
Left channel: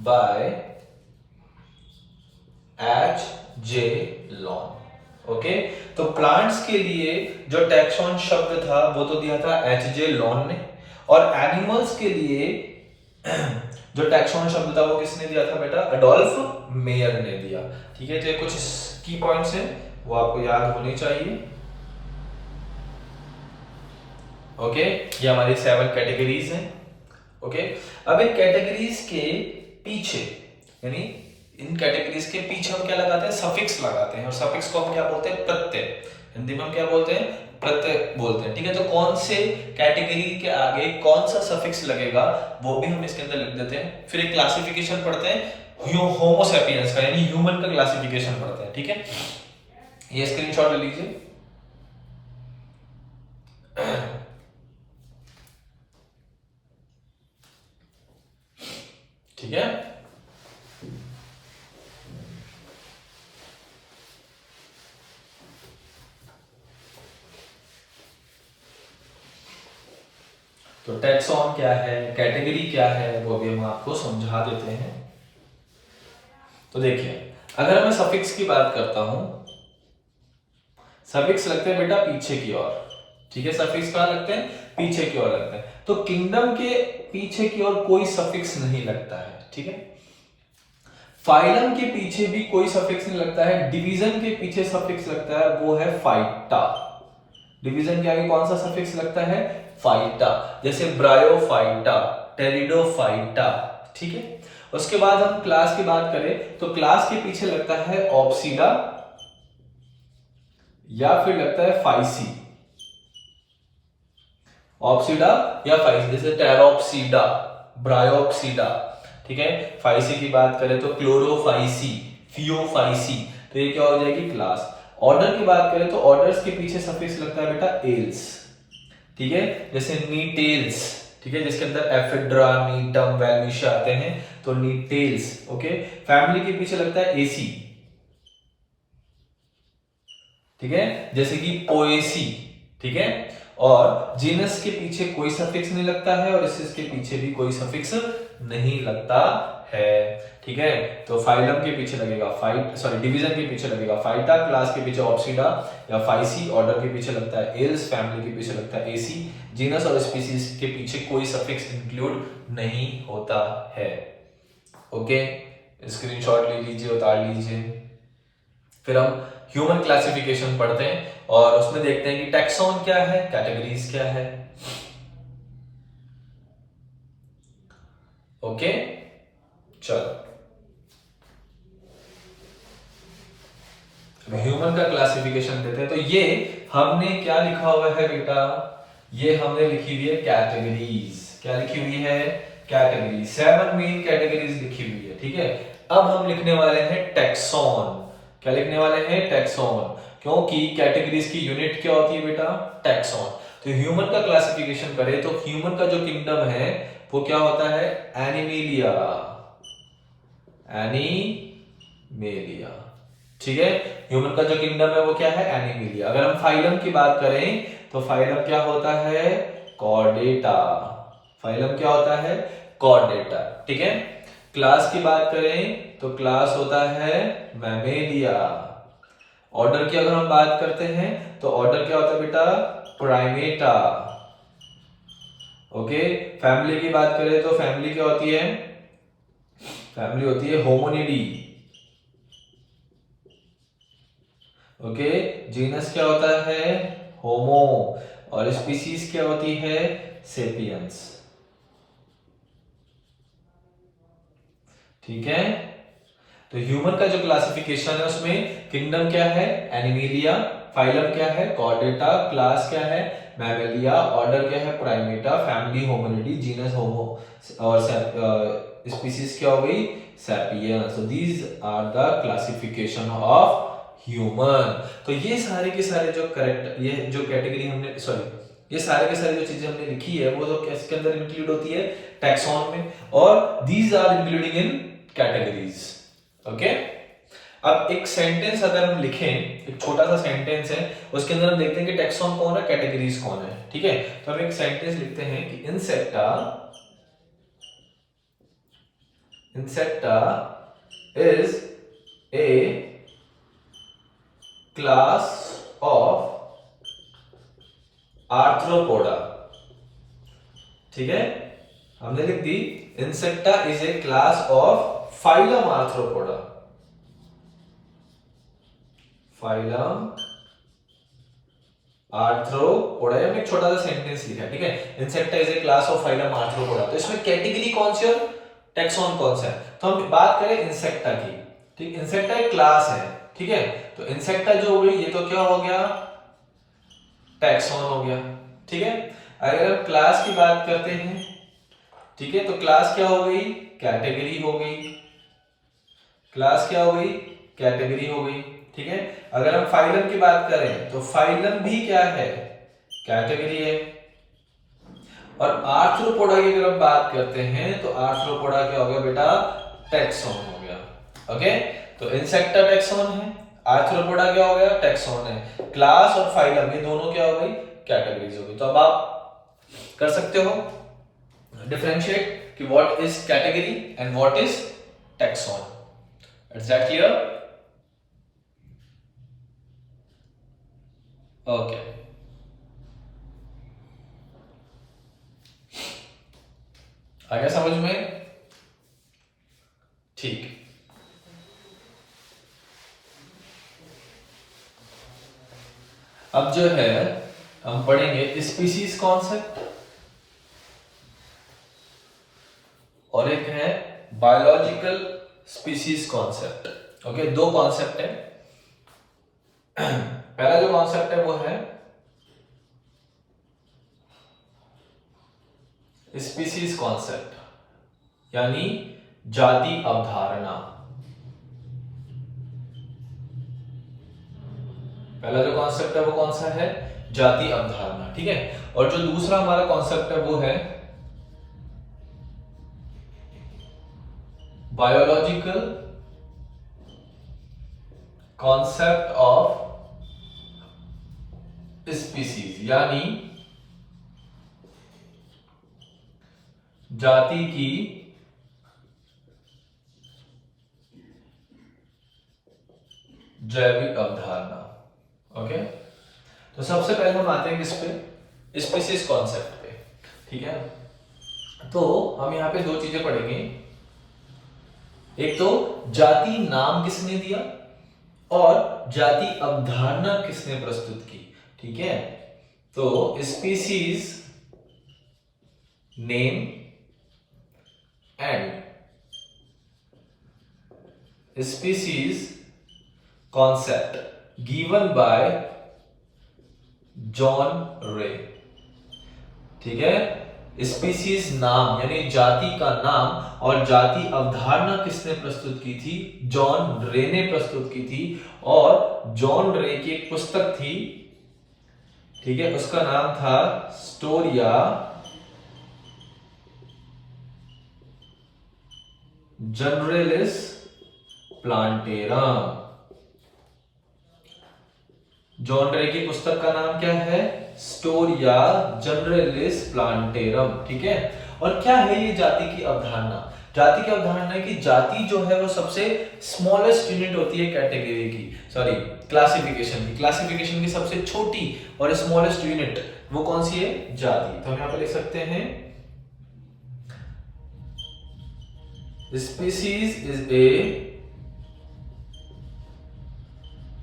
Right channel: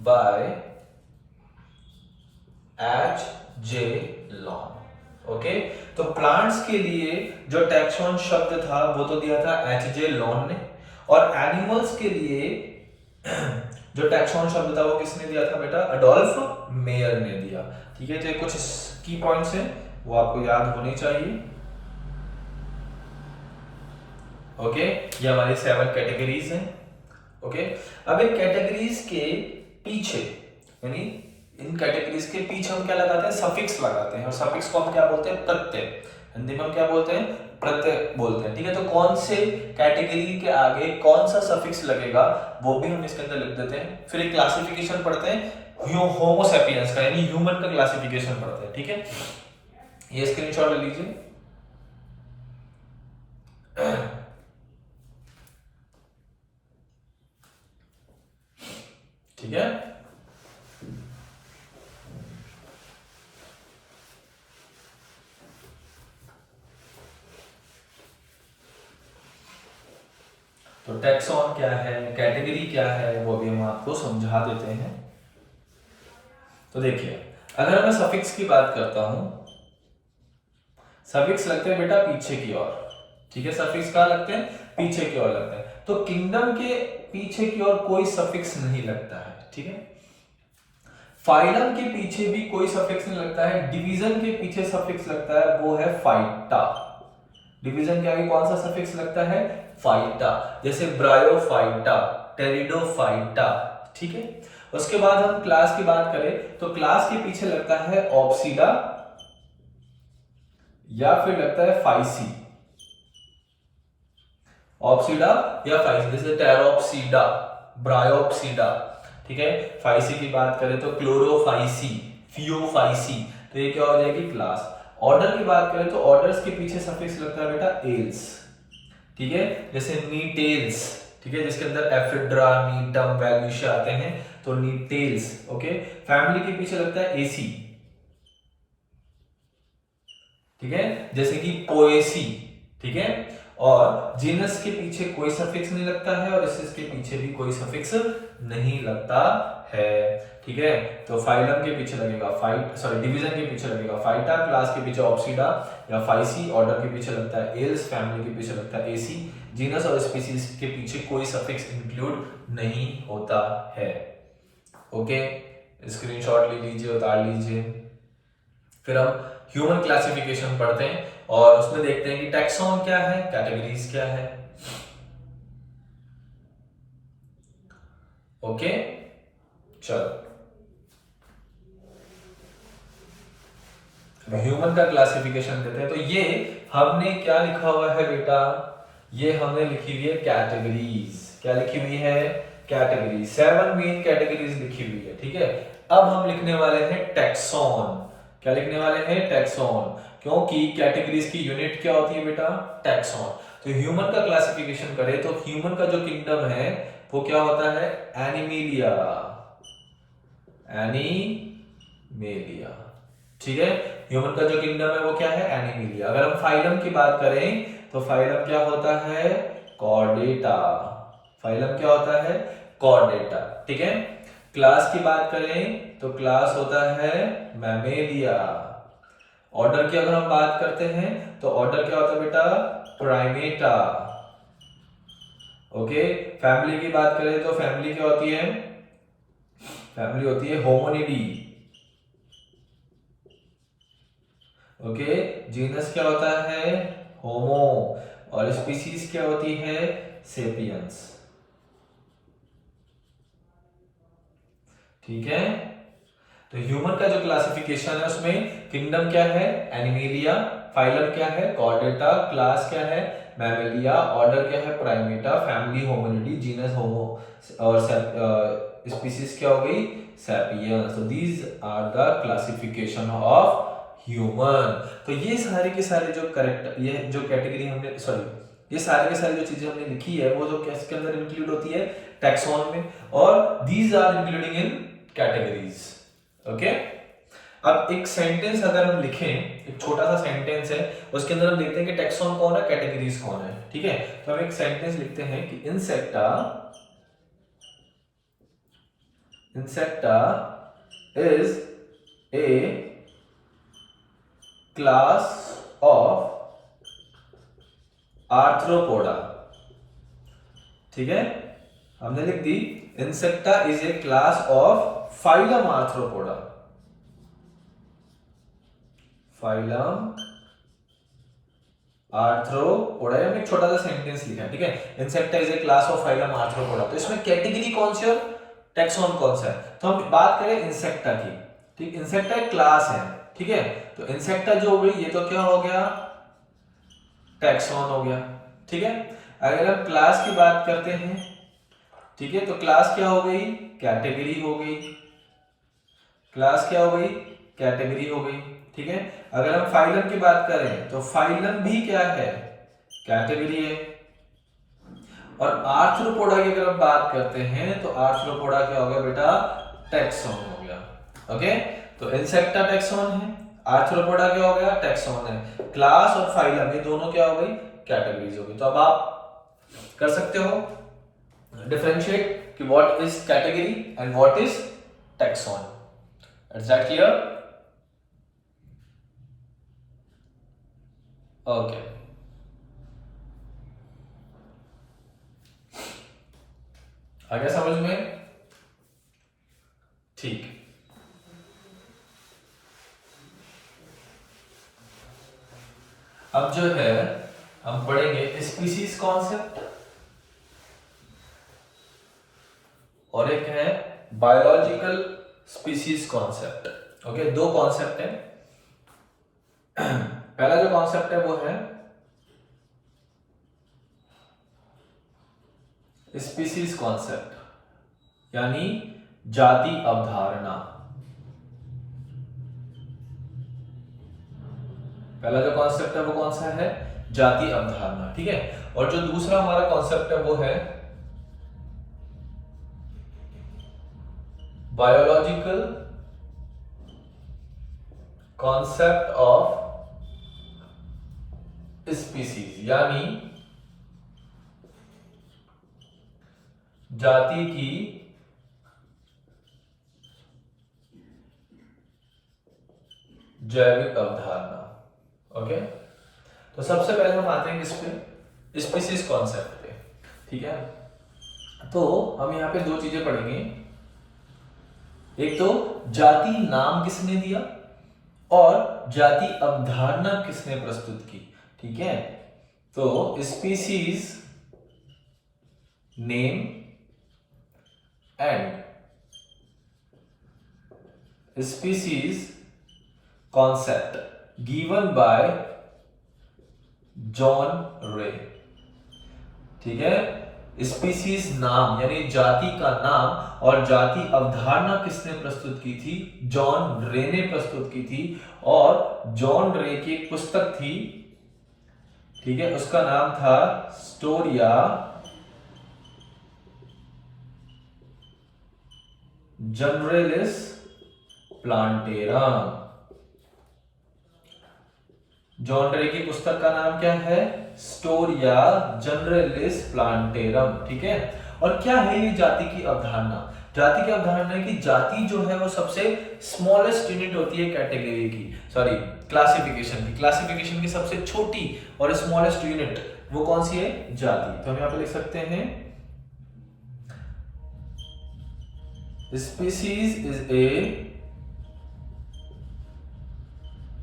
by H.J. Long। Okay, तो प्लांट्स के लिए जो टैक्सॉन शब्द था वो तो दिया था H.J. Long ने, और एनिमल्स के लिए जो टैक्सॉन शब्द था वो किसने दिया था बेटा, एडोल्फ मेयर ने दिया। ठीक है, तो ये कुछ की पॉइंट्स हैं वो आपको याद होने चाहिए। ओके, ये हमारी 7 कैटेगरीज हैं। ओके, अब इन कैटेगरीज के पीछे, यानी इन कैटेगरीज के पीछे हम क्या लगाते हैं, सफिक्स लगाते हैं, और सफिक्स को हम क्या बोलते हैं, प्रत्यय। हिंदी में हम क्या बोलते हैं, प्रत्यय बोलते हैं। ठीक है, तो कौन से कैटेगरी के आगे कौन सा सफिक्स लगेगा वो भी हम इसके अंदर लिख देते हैं। फिर एक क्लासिफिकेशन पढ़ते हैं होमोसेपियंस का, यानी ह्यूमन का क्लासिफिकेशन पढ़ते हैं। ठीक है, ये स्क्रीनशॉट ले लीजिए। ठीक है, तो टैक्सॉन क्या है, कैटेगरी क्या है, वो भी हम आपको समझा देते हैं। तो देखिए, अगर मैं सफिक्स की बात करता हूं, सफिक्स लगते हैं बेटा पीछे की ओर। ठीक है, सफिक्स कहां लगते हैं, पीछे की ओर लगते हैं। तो किंगडम के पीछे की ओर कोई सफिक्स नहीं लगता है। ठीक है, फाइलम के पीछे भी कोई सफिक्स नहीं लगता है। डिवीजन के पीछे सफिक्स लगता है, वो है फाइटा। डिवीजन के आगे कौन सा सफिक्स लगता है, फाइटा, जैसे ब्रायोफाइटा, टेरिडोफाइटा। ठीक है, उसके बाद हम क्लास की बात करें तो क्लास के पीछे लगता है ऑप्सिडा या फिर लगता है फाइसी। ऑप्सिडा या फाइसी, जैसे टेरोप्सिडा, ब्रायोप्सिडा। ठीक है, फाइसी की बात करें तो क्लोरोफाइसी, फियोफाइसी। तो ये क्या हो जाएगी, क्लास। ऑर्डर की बात करें तो ऑर्डर्स के पीछे सफिक्स लगता है बेटा एल्स। ठीक है, जैसे नीटेल्स। ठीक है, जिसके अंदर एफिड्रा, नीटम, वेलमिशिया आते हैं, तो नीटेल्स। ओके, फैमिली के पीछे लगता है एसी। ठीक है, जैसे कि पोएसी। ठीक है, और जीनस के पीछे कोई सफिक्स नहीं लगता है, और इसके पीछे भी कोई सफिक्स नहीं लगता है। ठीक है, तो फाइलम के पीछे लगेगा डिवीजन के पीछे लगेगा फाइटा, क्लास के पीछे ऑप्सिडा या फाइसी, ऑर्डर के पीछे लगता है एल्स, फैमिली के पीछे लगता है एसी, जीनस और स्पीसीज के पीछे कोई सफिक्स इंक्लूड नहीं होता है। ओके, स्क्रीनशॉट ले लीजिए, उतार लीजिए। फिर हम ह्यूमन क्लासिफिकेशन पढ़ते हैं और उसमें देखते हैं कि टैक्सॉन क्या है, कैटेगरीज क्या है। ओके, चलो ह्यूमन का क्लासिफिकेशन देते हैं। तो ये हमने क्या लिखा हुआ है बेटा, ये हमने लिखी हुई है कैटेगरीज। क्या लिखी हुई है, कैटेगरीज। 7 मेन कैटेगरीज लिखी हुई है। ठीक है, अब हम लिखने वाले हैं टैक्सॉन। क्या लिखने वाले हैं, टैक्सॉन, क्योंकि कैटेगरीज की यूनिट क्या होती है बेटा, टैक्सॉन। तो ह्यूमन का क्लासिफिकेशन करें तो ह्यूमन का जो किंगडम है वो क्या होता है? एनिमेलिया। एनिमेलिया, ठीक है। ह्यूमन का जो किंगडम है वो क्या है? एनिमेलिया। अगर हम फाइलम की बात करें तो फाइलम क्या होता है? कॉर्डेटा। फाइलम क्या होता है? कॉर्डेटा, ठीक है। क्लास की बात करें तो क्लास होता है मैमेलिया। ऑर्डर की अगर हम बात करते हैं तो ऑर्डर क्या होता है बेटा? प्राइमेटा। ओके। फैमिली की बात करें तो फैमिली क्या होती है? फैमिली होती है होमोनिडी। ओके। जीनस क्या होता है? होमो। और स्पीसीज क्या होती है? सेपियंस, ठीक है। तो ह्यूमन का जो क्लासिफिकेशन है उसमें किंगडम क्या है? एनिमेलिया। फाइलम क्या है? कॉर्डेटा। क्लास क्या है? मैमेलिया। ऑर्डर क्या है? Primata. Family hominidae. Genus homo. और स्पीसीज क्या हो गई? Sapiens. So these are the classification of human. तो ये सारे के सारे जो करेक्ट, ये जो कैटेगरी हमने, सॉरी, ये सारे के सारे जो चीजें हमने लिखी है वो जो किसके अंदर इंक्लूड होती है? टैक्सॉन में। और these are including in categories. Okay. अब एक सेंटेंस अगर हम लिखें, एक छोटा सा सेंटेंस है, उसके अंदर हम देखते हैं कि टैक्सॉन कौन है, कैटेगरीज कौन है, ठीक है। तो हम एक सेंटेंस लिखते हैं कि Insecta is a class of Arthropoda, ठीक है। हमने लिख दी Insecta is a class of phylum Arthropoda. Phylum Arthropoda, हमने एक छोटा सा सेंटेंस लिखा है, ठीक है। Insecta is a class of phylum Arthropoda. तो इसमें कैटेगरी कौन सी और टैक्सॉन कौन सा है? तो हम बात करें इंसेक्टा की, ठीक। इंसेक्टा एक क्लास है, ठीक है। तो इंसेक्टा जो हो गई ये तो क्या हो गया? टैक्सॉन हो गया, ठीक है। अगर हम क्लास की बात करते हैं, ठीक है, तो क्लास क्या हो गई? कैटेगरी हो गई। क्लास क्या हो गई? कैटेगरी हो गई, ठीक है। अगर हम फाइलम की बात करें तो फाइलम भी क्या है? कैटेगरी है। और आर्थ्रोपोडा की अगर हम बात करते हैं तो आर्थ्रोपोडा क्या हो गया बेटा? टैक्सॉन हो गया। ओके। तो इंसेक्टा टैक्सॉन है, आर्थ्रोपोडा क्या हो गया? टैक्सॉन है। क्लास और फाइलम ये दोनों क्या हो गई? कैटेगरीज हो गई। तो अब आप कर सकते हो डिफरेंशिएट कि what is category and what is taxon. Is that clear? Okay. आ गया समझ में? ठीक। अब जो है हम पढ़ेंगे स्पीसीज कॉन्सेप्ट और एक है बायोलॉजिकल स्पीसीज कॉन्सेप्ट। ओके, दो कॉन्सेप्ट है। पहला जो कॉन्सेप्ट है वो है स्पीसीज कॉन्सेप्ट, यानी जाति अवधारणा। पहला जो कॉन्सेप्ट है वो कौन सा है? जाति अवधारणा, ठीक है। और जो दूसरा हमारा कॉन्सेप्ट है वो है बायोलॉजिकल कॉन्सेप्ट ऑफ स्पीसीज, यानी जाति की जैविक अवधारणा। ओके। तो सबसे पहले हम आते हैं किस पे? स्पीसीज कॉन्सेप्ट पे, ठीक है। तो हम यहाँ पे दो चीजें पढ़ेंगे। एक तो जाति नाम किसने दिया और जाति अवधारणा किसने प्रस्तुत की, ठीक है। तो species name and species concept given by John रे, ठीक है। स्पीसीज नाम यानी जाति का नाम और जाति अवधारणा किसने प्रस्तुत की थी? जॉन रे ने प्रस्तुत की थी। और जॉन रे की एक पुस्तक थी, ठीक है, उसका नाम था स्टोरिया जनरलिस प्लांटेरम। जॉन रे की पुस्तक का नाम क्या है? स्टोरिया जनरलिस प्लांटेरम। ठीक है, और क्या है ये जाति की अवधारणा? जाति की अवधारणा है कि जाति जो है वो सबसे स्मॉलेस्ट यूनिट होती है कैटेगरी की, सॉरी क्लासिफिकेशन की। क्लासिफिकेशन की सबसे छोटी और स्मॉलेस्ट यूनिट वो कौन सी है? जाति। तो हम यहां पे लिख सकते हैं species is a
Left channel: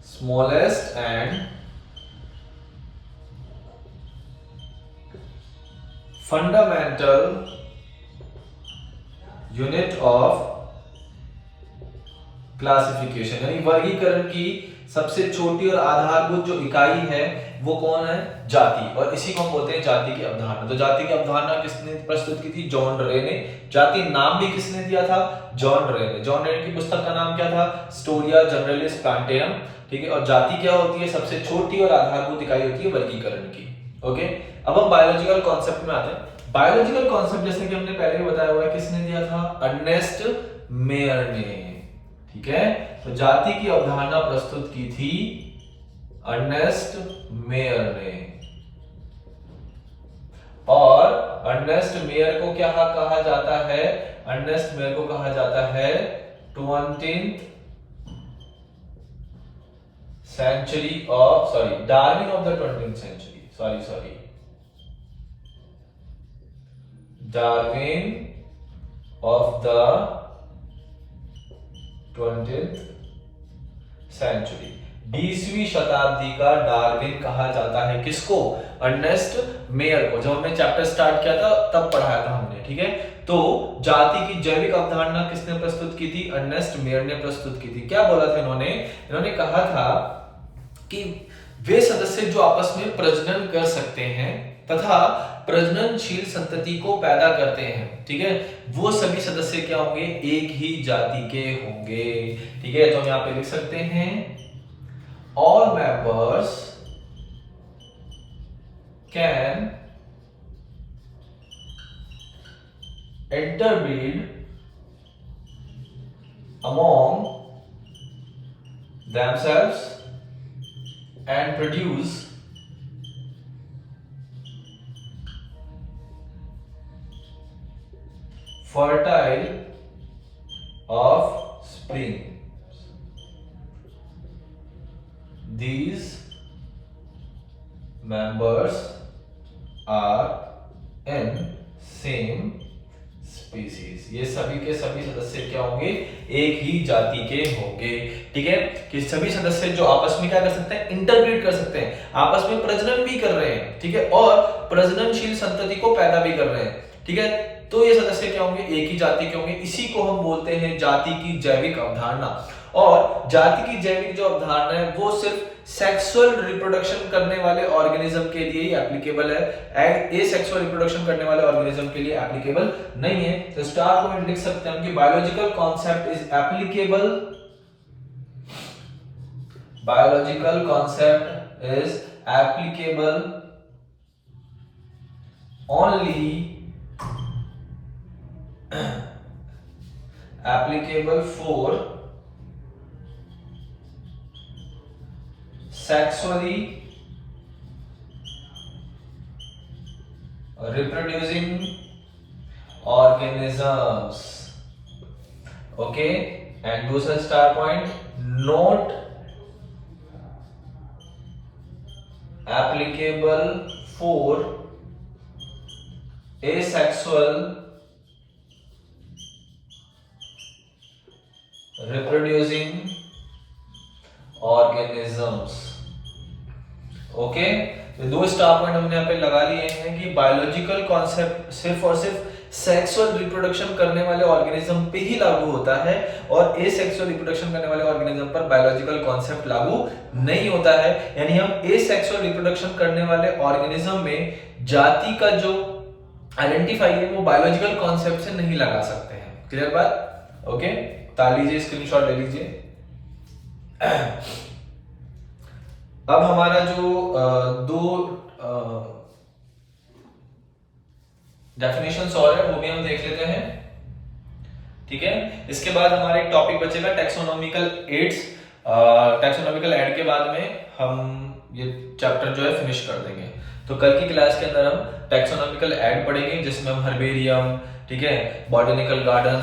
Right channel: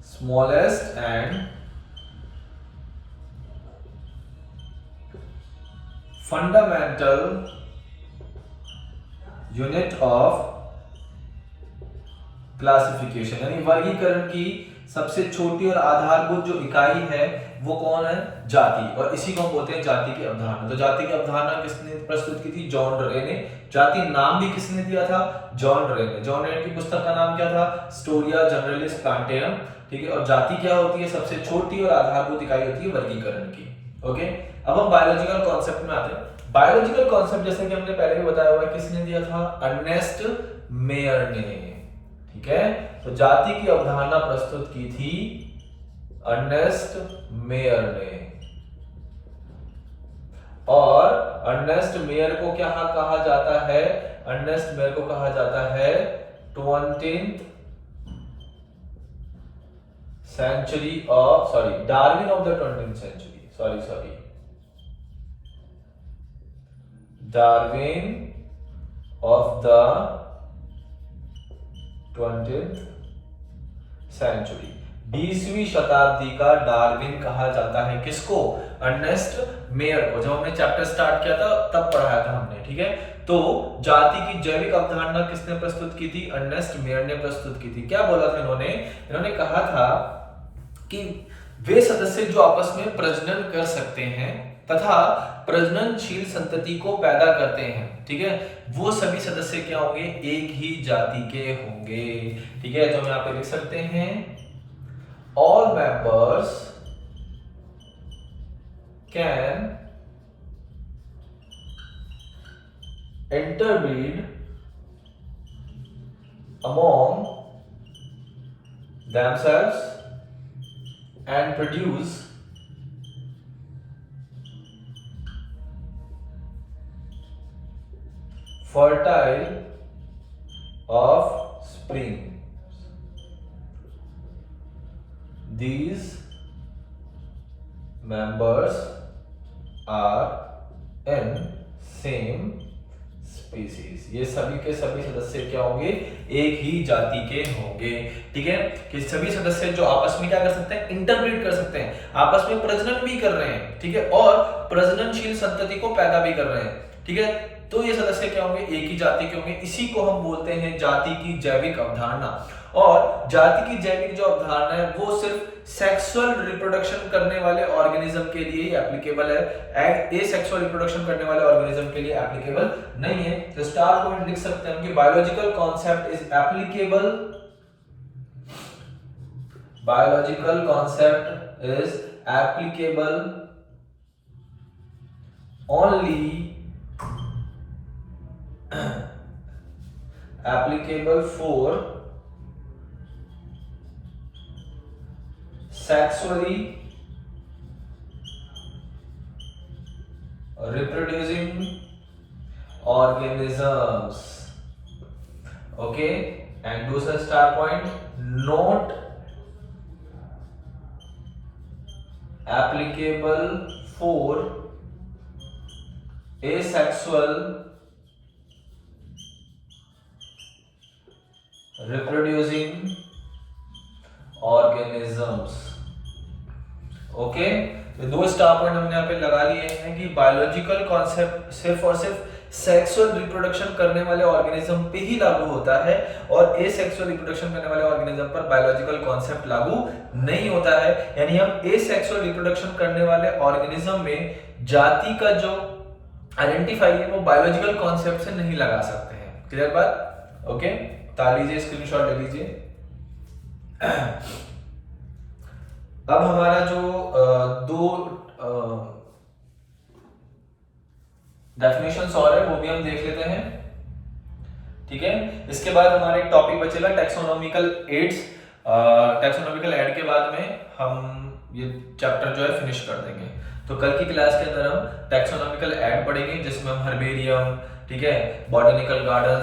smallest and fundamental unit of classification, यानी वर्गीकरण की सबसे छोटी और आधारभूत जो इकाई है वो कौन है? जाति। और इसी को हम बोलते हैं जाति की अवधारणा। तो जाति की अवधारणा किसने प्रस्तुत की थी? जॉन रे ने। जाति नाम भी किसने दिया था? जॉन रे ने। जॉन रे की पुस्तक का नाम क्या था? स्टोरिया जनरलिस प्लांटेरम। ठीक है, और जाति क्या होती है? सबसे छोटी और आधारभूत इकाई होती है वर्गीकरण की। ओके, अब हम बायोलॉजिकल कॉन्सेप्ट में आते हैं। बायोलॉजिकल कॉन्सेप्ट जैसे कि हमने पहले भी बताया हुआ है, किसने दिया था? अर्नेस्ट मेयर ने। ठीक है, तो जाति की अवधारणा प्रस्तुत की थी अर्नेस्ट मेयर ने। और अर्नेस्ट मेयर को क्या कहा जाता है? अर्नेस्ट मेयर को कहा जाता है 20th century of, sorry, Darwin of the 20th century, sorry, Darwin of the 20th century। 20वीं शताब्दी का डार्विन कहा जाता है किसको? अर्नेस्ट मेयर को। जब हमने चैप्टर स्टार्ट किया था तब पढ़ाया था हमने। ठीक है, तो जाति की जैविक अवधारणा किसने प्रस्तुत की थी? अर्नेस्ट मेयर ने प्रस्तुत की थी। क्या बोला था इन्होंने कहा था कि वे सदस्य जो आपस में प्रजनन कर सकते हैं तथा प्रजननशील संतति को पैदा करते हैं, ठीक है, वो सभी सदस्य क्या होंगे? एक ही जाति के होंगे। ठीक है, तो हम यहां पे लिख सकते हैं all members can interbreed among themselves and produce fertile offspring. These members are in same species. ये सभी के सभी सदस्य क्या होंगे? एक ही जाति के होंगे। ठीक है, कि सभी सदस्य जो आपस में क्या कर सकते हैं? इंटरब्रीड कर सकते हैं, आपस में प्रजनन भी कर रहे हैं। ठीक है, और प्रजननशील संतति को पैदा भी कर रहे हैं। ठीक है, तो ये सदस्य क्या होंगे? एक ही जाति के होंगे। इसी को हम बोलते हैं जाति की जैविक अवधारणा। और जाति की जैविक जो अवधारणा है वो सिर्फ सेक्सुअल रिप्रोडक्शन करने वाले ऑर्गेनिज्म के लिए ही एप्लीकेबल है, एसेक्सुअल रिप्रोडक्शन करने वाले ऑर्गेनिज्म के लिए एप्लीकेबल नहीं है। तो स्टार पॉइंट लिख सकते हैं कि biological concept is applicable, biological concept is applicable only applicable for sexually reproducing organisms. Okay, and दूसरा star point not applicable for asexual reproducing organisms. Okay, तो दो स्टार पॉइंट हमने यहाँ पे लगा लिए हैं कि बायोलॉजिकल कॉन्सेप्ट सिर्फ और सिर्फ सेक्सुअल रिप्रोडक्शन करने वाले ऑर्गेनिज्म पे ही लागू होता है और एसेक्सुअल रिप्रोडक्शन करने वाले ऑर्गेनिज्म पर बायोलॉजिकल कॉन्सेप्ट लागू नहीं होता है। यानी हम एसेक्सुअल रिप्रोडक्शन करने वाले ऑर्गेनिज्म में जाति का जो आइडेंटिफाई है वो बायोलॉजिकल कॉन्सेप्ट से नहीं लगा सकते हैं। क्लियर बात? ओके, ताल लीजिए, स्क्रीनशॉट ले लीजिए। अब हमारा जो दो डेफिनेशंस और है वो भी हम देख लेते हैं। ठीक है। इसके बाद हमारा एक टॉपिक बचेगा टैक्सोनॉमिकल एड्स। टैक्सोनॉमिकल एड के बाद में हम ये चैप्टर जो है फिनिश कर देंगे। तो कल की क्लास के अंदर हम टैक्सोनॉमिकल एड पढ़ेंगे, जिसमें हम हर्बेरियम, ठीक है, बॉटनिकल गार्डन,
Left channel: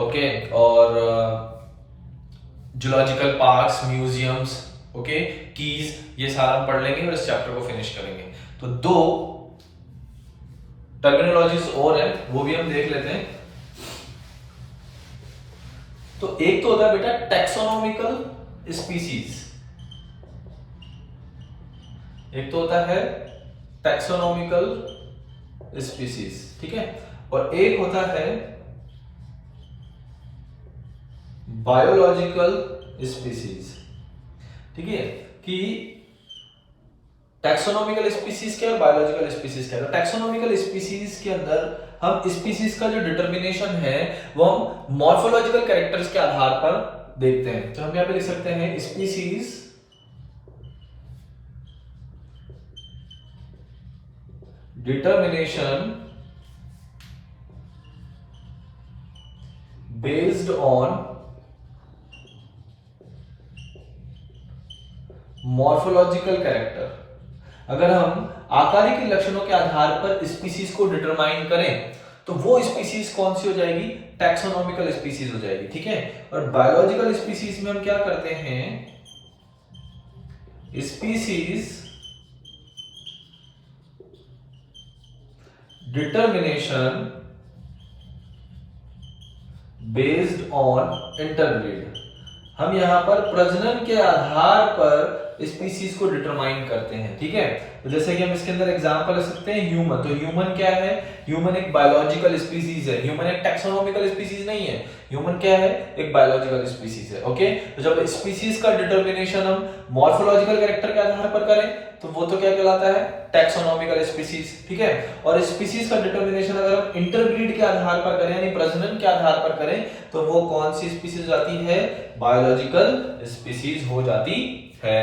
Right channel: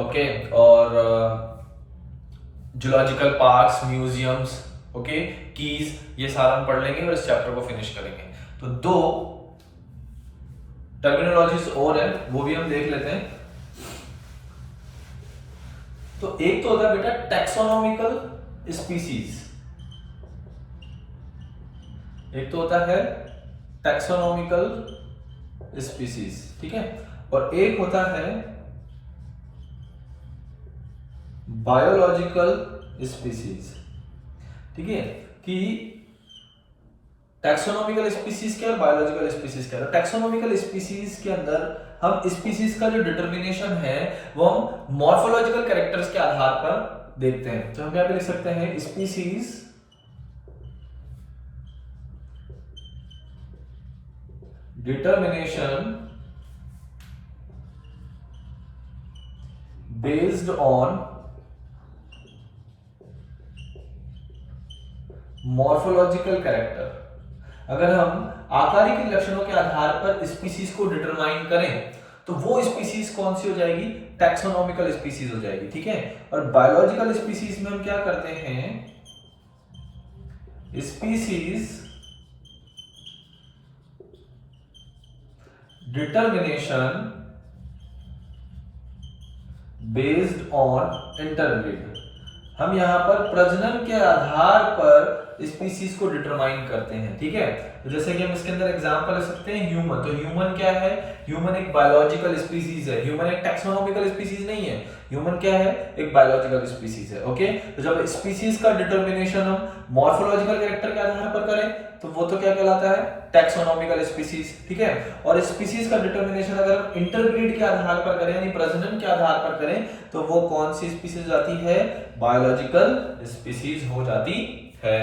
ओके, और zoological parks, museums, okay, keys, ये सारा हम पढ़ लेंगे और इस चैप्टर को फिनिश करेंगे। तो 2 टर्मिनोलॉजीज और है, वो भी हम देख लेते हैं। तो एक तो होता है बेटा टैक्सोनॉमिकल स्पीसीज, एक तो होता है टैक्सोनॉमिकल स्पीसीज, ठीक है, और एक होता है बायोलॉजिकल स्पीसीज, ठीक है। कि टैक्सोनॉमिकल स्पीसीज क्या है, बायोलॉजिकल स्पीसीज क्या है। तो टैक्सोनॉमिकल स्पीसीज के अंदर हम स्पीसीज का जो डिटर्मिनेशन है वो हम मॉर्फोलॉजिकल कैरेक्टर्स के आधार पर देखते हैं। तो हम यहां पे लिख सकते हैं species determination based on morphological character. अगर हम आकारिक लक्षणों के आधार पर स्पीसीज को डिटरमाइन करें तो वो स्पीसीज कौन सी हो जाएगी, टैक्सोनॉमिकल स्पीसीज हो जाएगी, ठीक है। और बायोलॉजिकल स्पीसीज में हम क्या करते हैं, species determination based on interbreed. हम यहां पर प्रजनन के आधार पर स्पीसीज को डिटरमाइन करते हैं, ठीक है। तो जैसे कि हम इसके अंदर एग्जांपल ले सकते हैं ह्यूमन। तो ह्यूमन क्या है, ह्यूमन एक बायोलॉजिकल स्पीसीज है, ह्यूमन एक टैक्सोनॉमिकल स्पीसीज नहीं है, ह्यूमन क्या है, एक बायोलॉजिकल स्पीसीज है, ओके। तो जब स्पीसीज का डिटर्मिनेशन हम मॉर्फोलॉजिकल कैरेक्टर के आधार पर करें तो वो तो क्या कहलाता है, टैक्सोनॉमिकल स्पीसीज, ठीक है। और स्पीसीज का डिटर्मिनेशन अगर हम इंटरब्रीड के आधार पर करें, यानी प्रजनन के आधार पर करें, तो वो कौन सी स्पीसीज हो जाती है, बायोलॉजिकल स्पीसीज हो जाती है।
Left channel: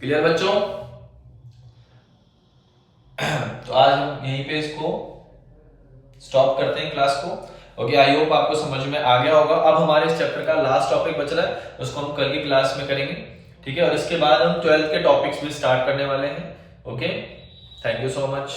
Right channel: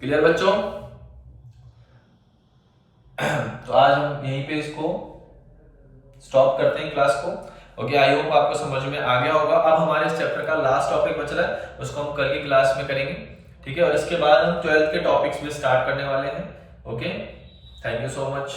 क्लियर बच्चों? तो आज हम यहीं पे इसको स्टॉप करते हैं क्लास को, ओके। आई होप आपको समझ में आ गया होगा। अब हमारे इस चैप्टर का लास्ट टॉपिक बच रहा है, उसको हम कल की क्लास में करेंगे, ठीक है। और इसके बाद हम 12th के टॉपिक्स भी स्टार्ट करने वाले हैं, okay. Thank you so much.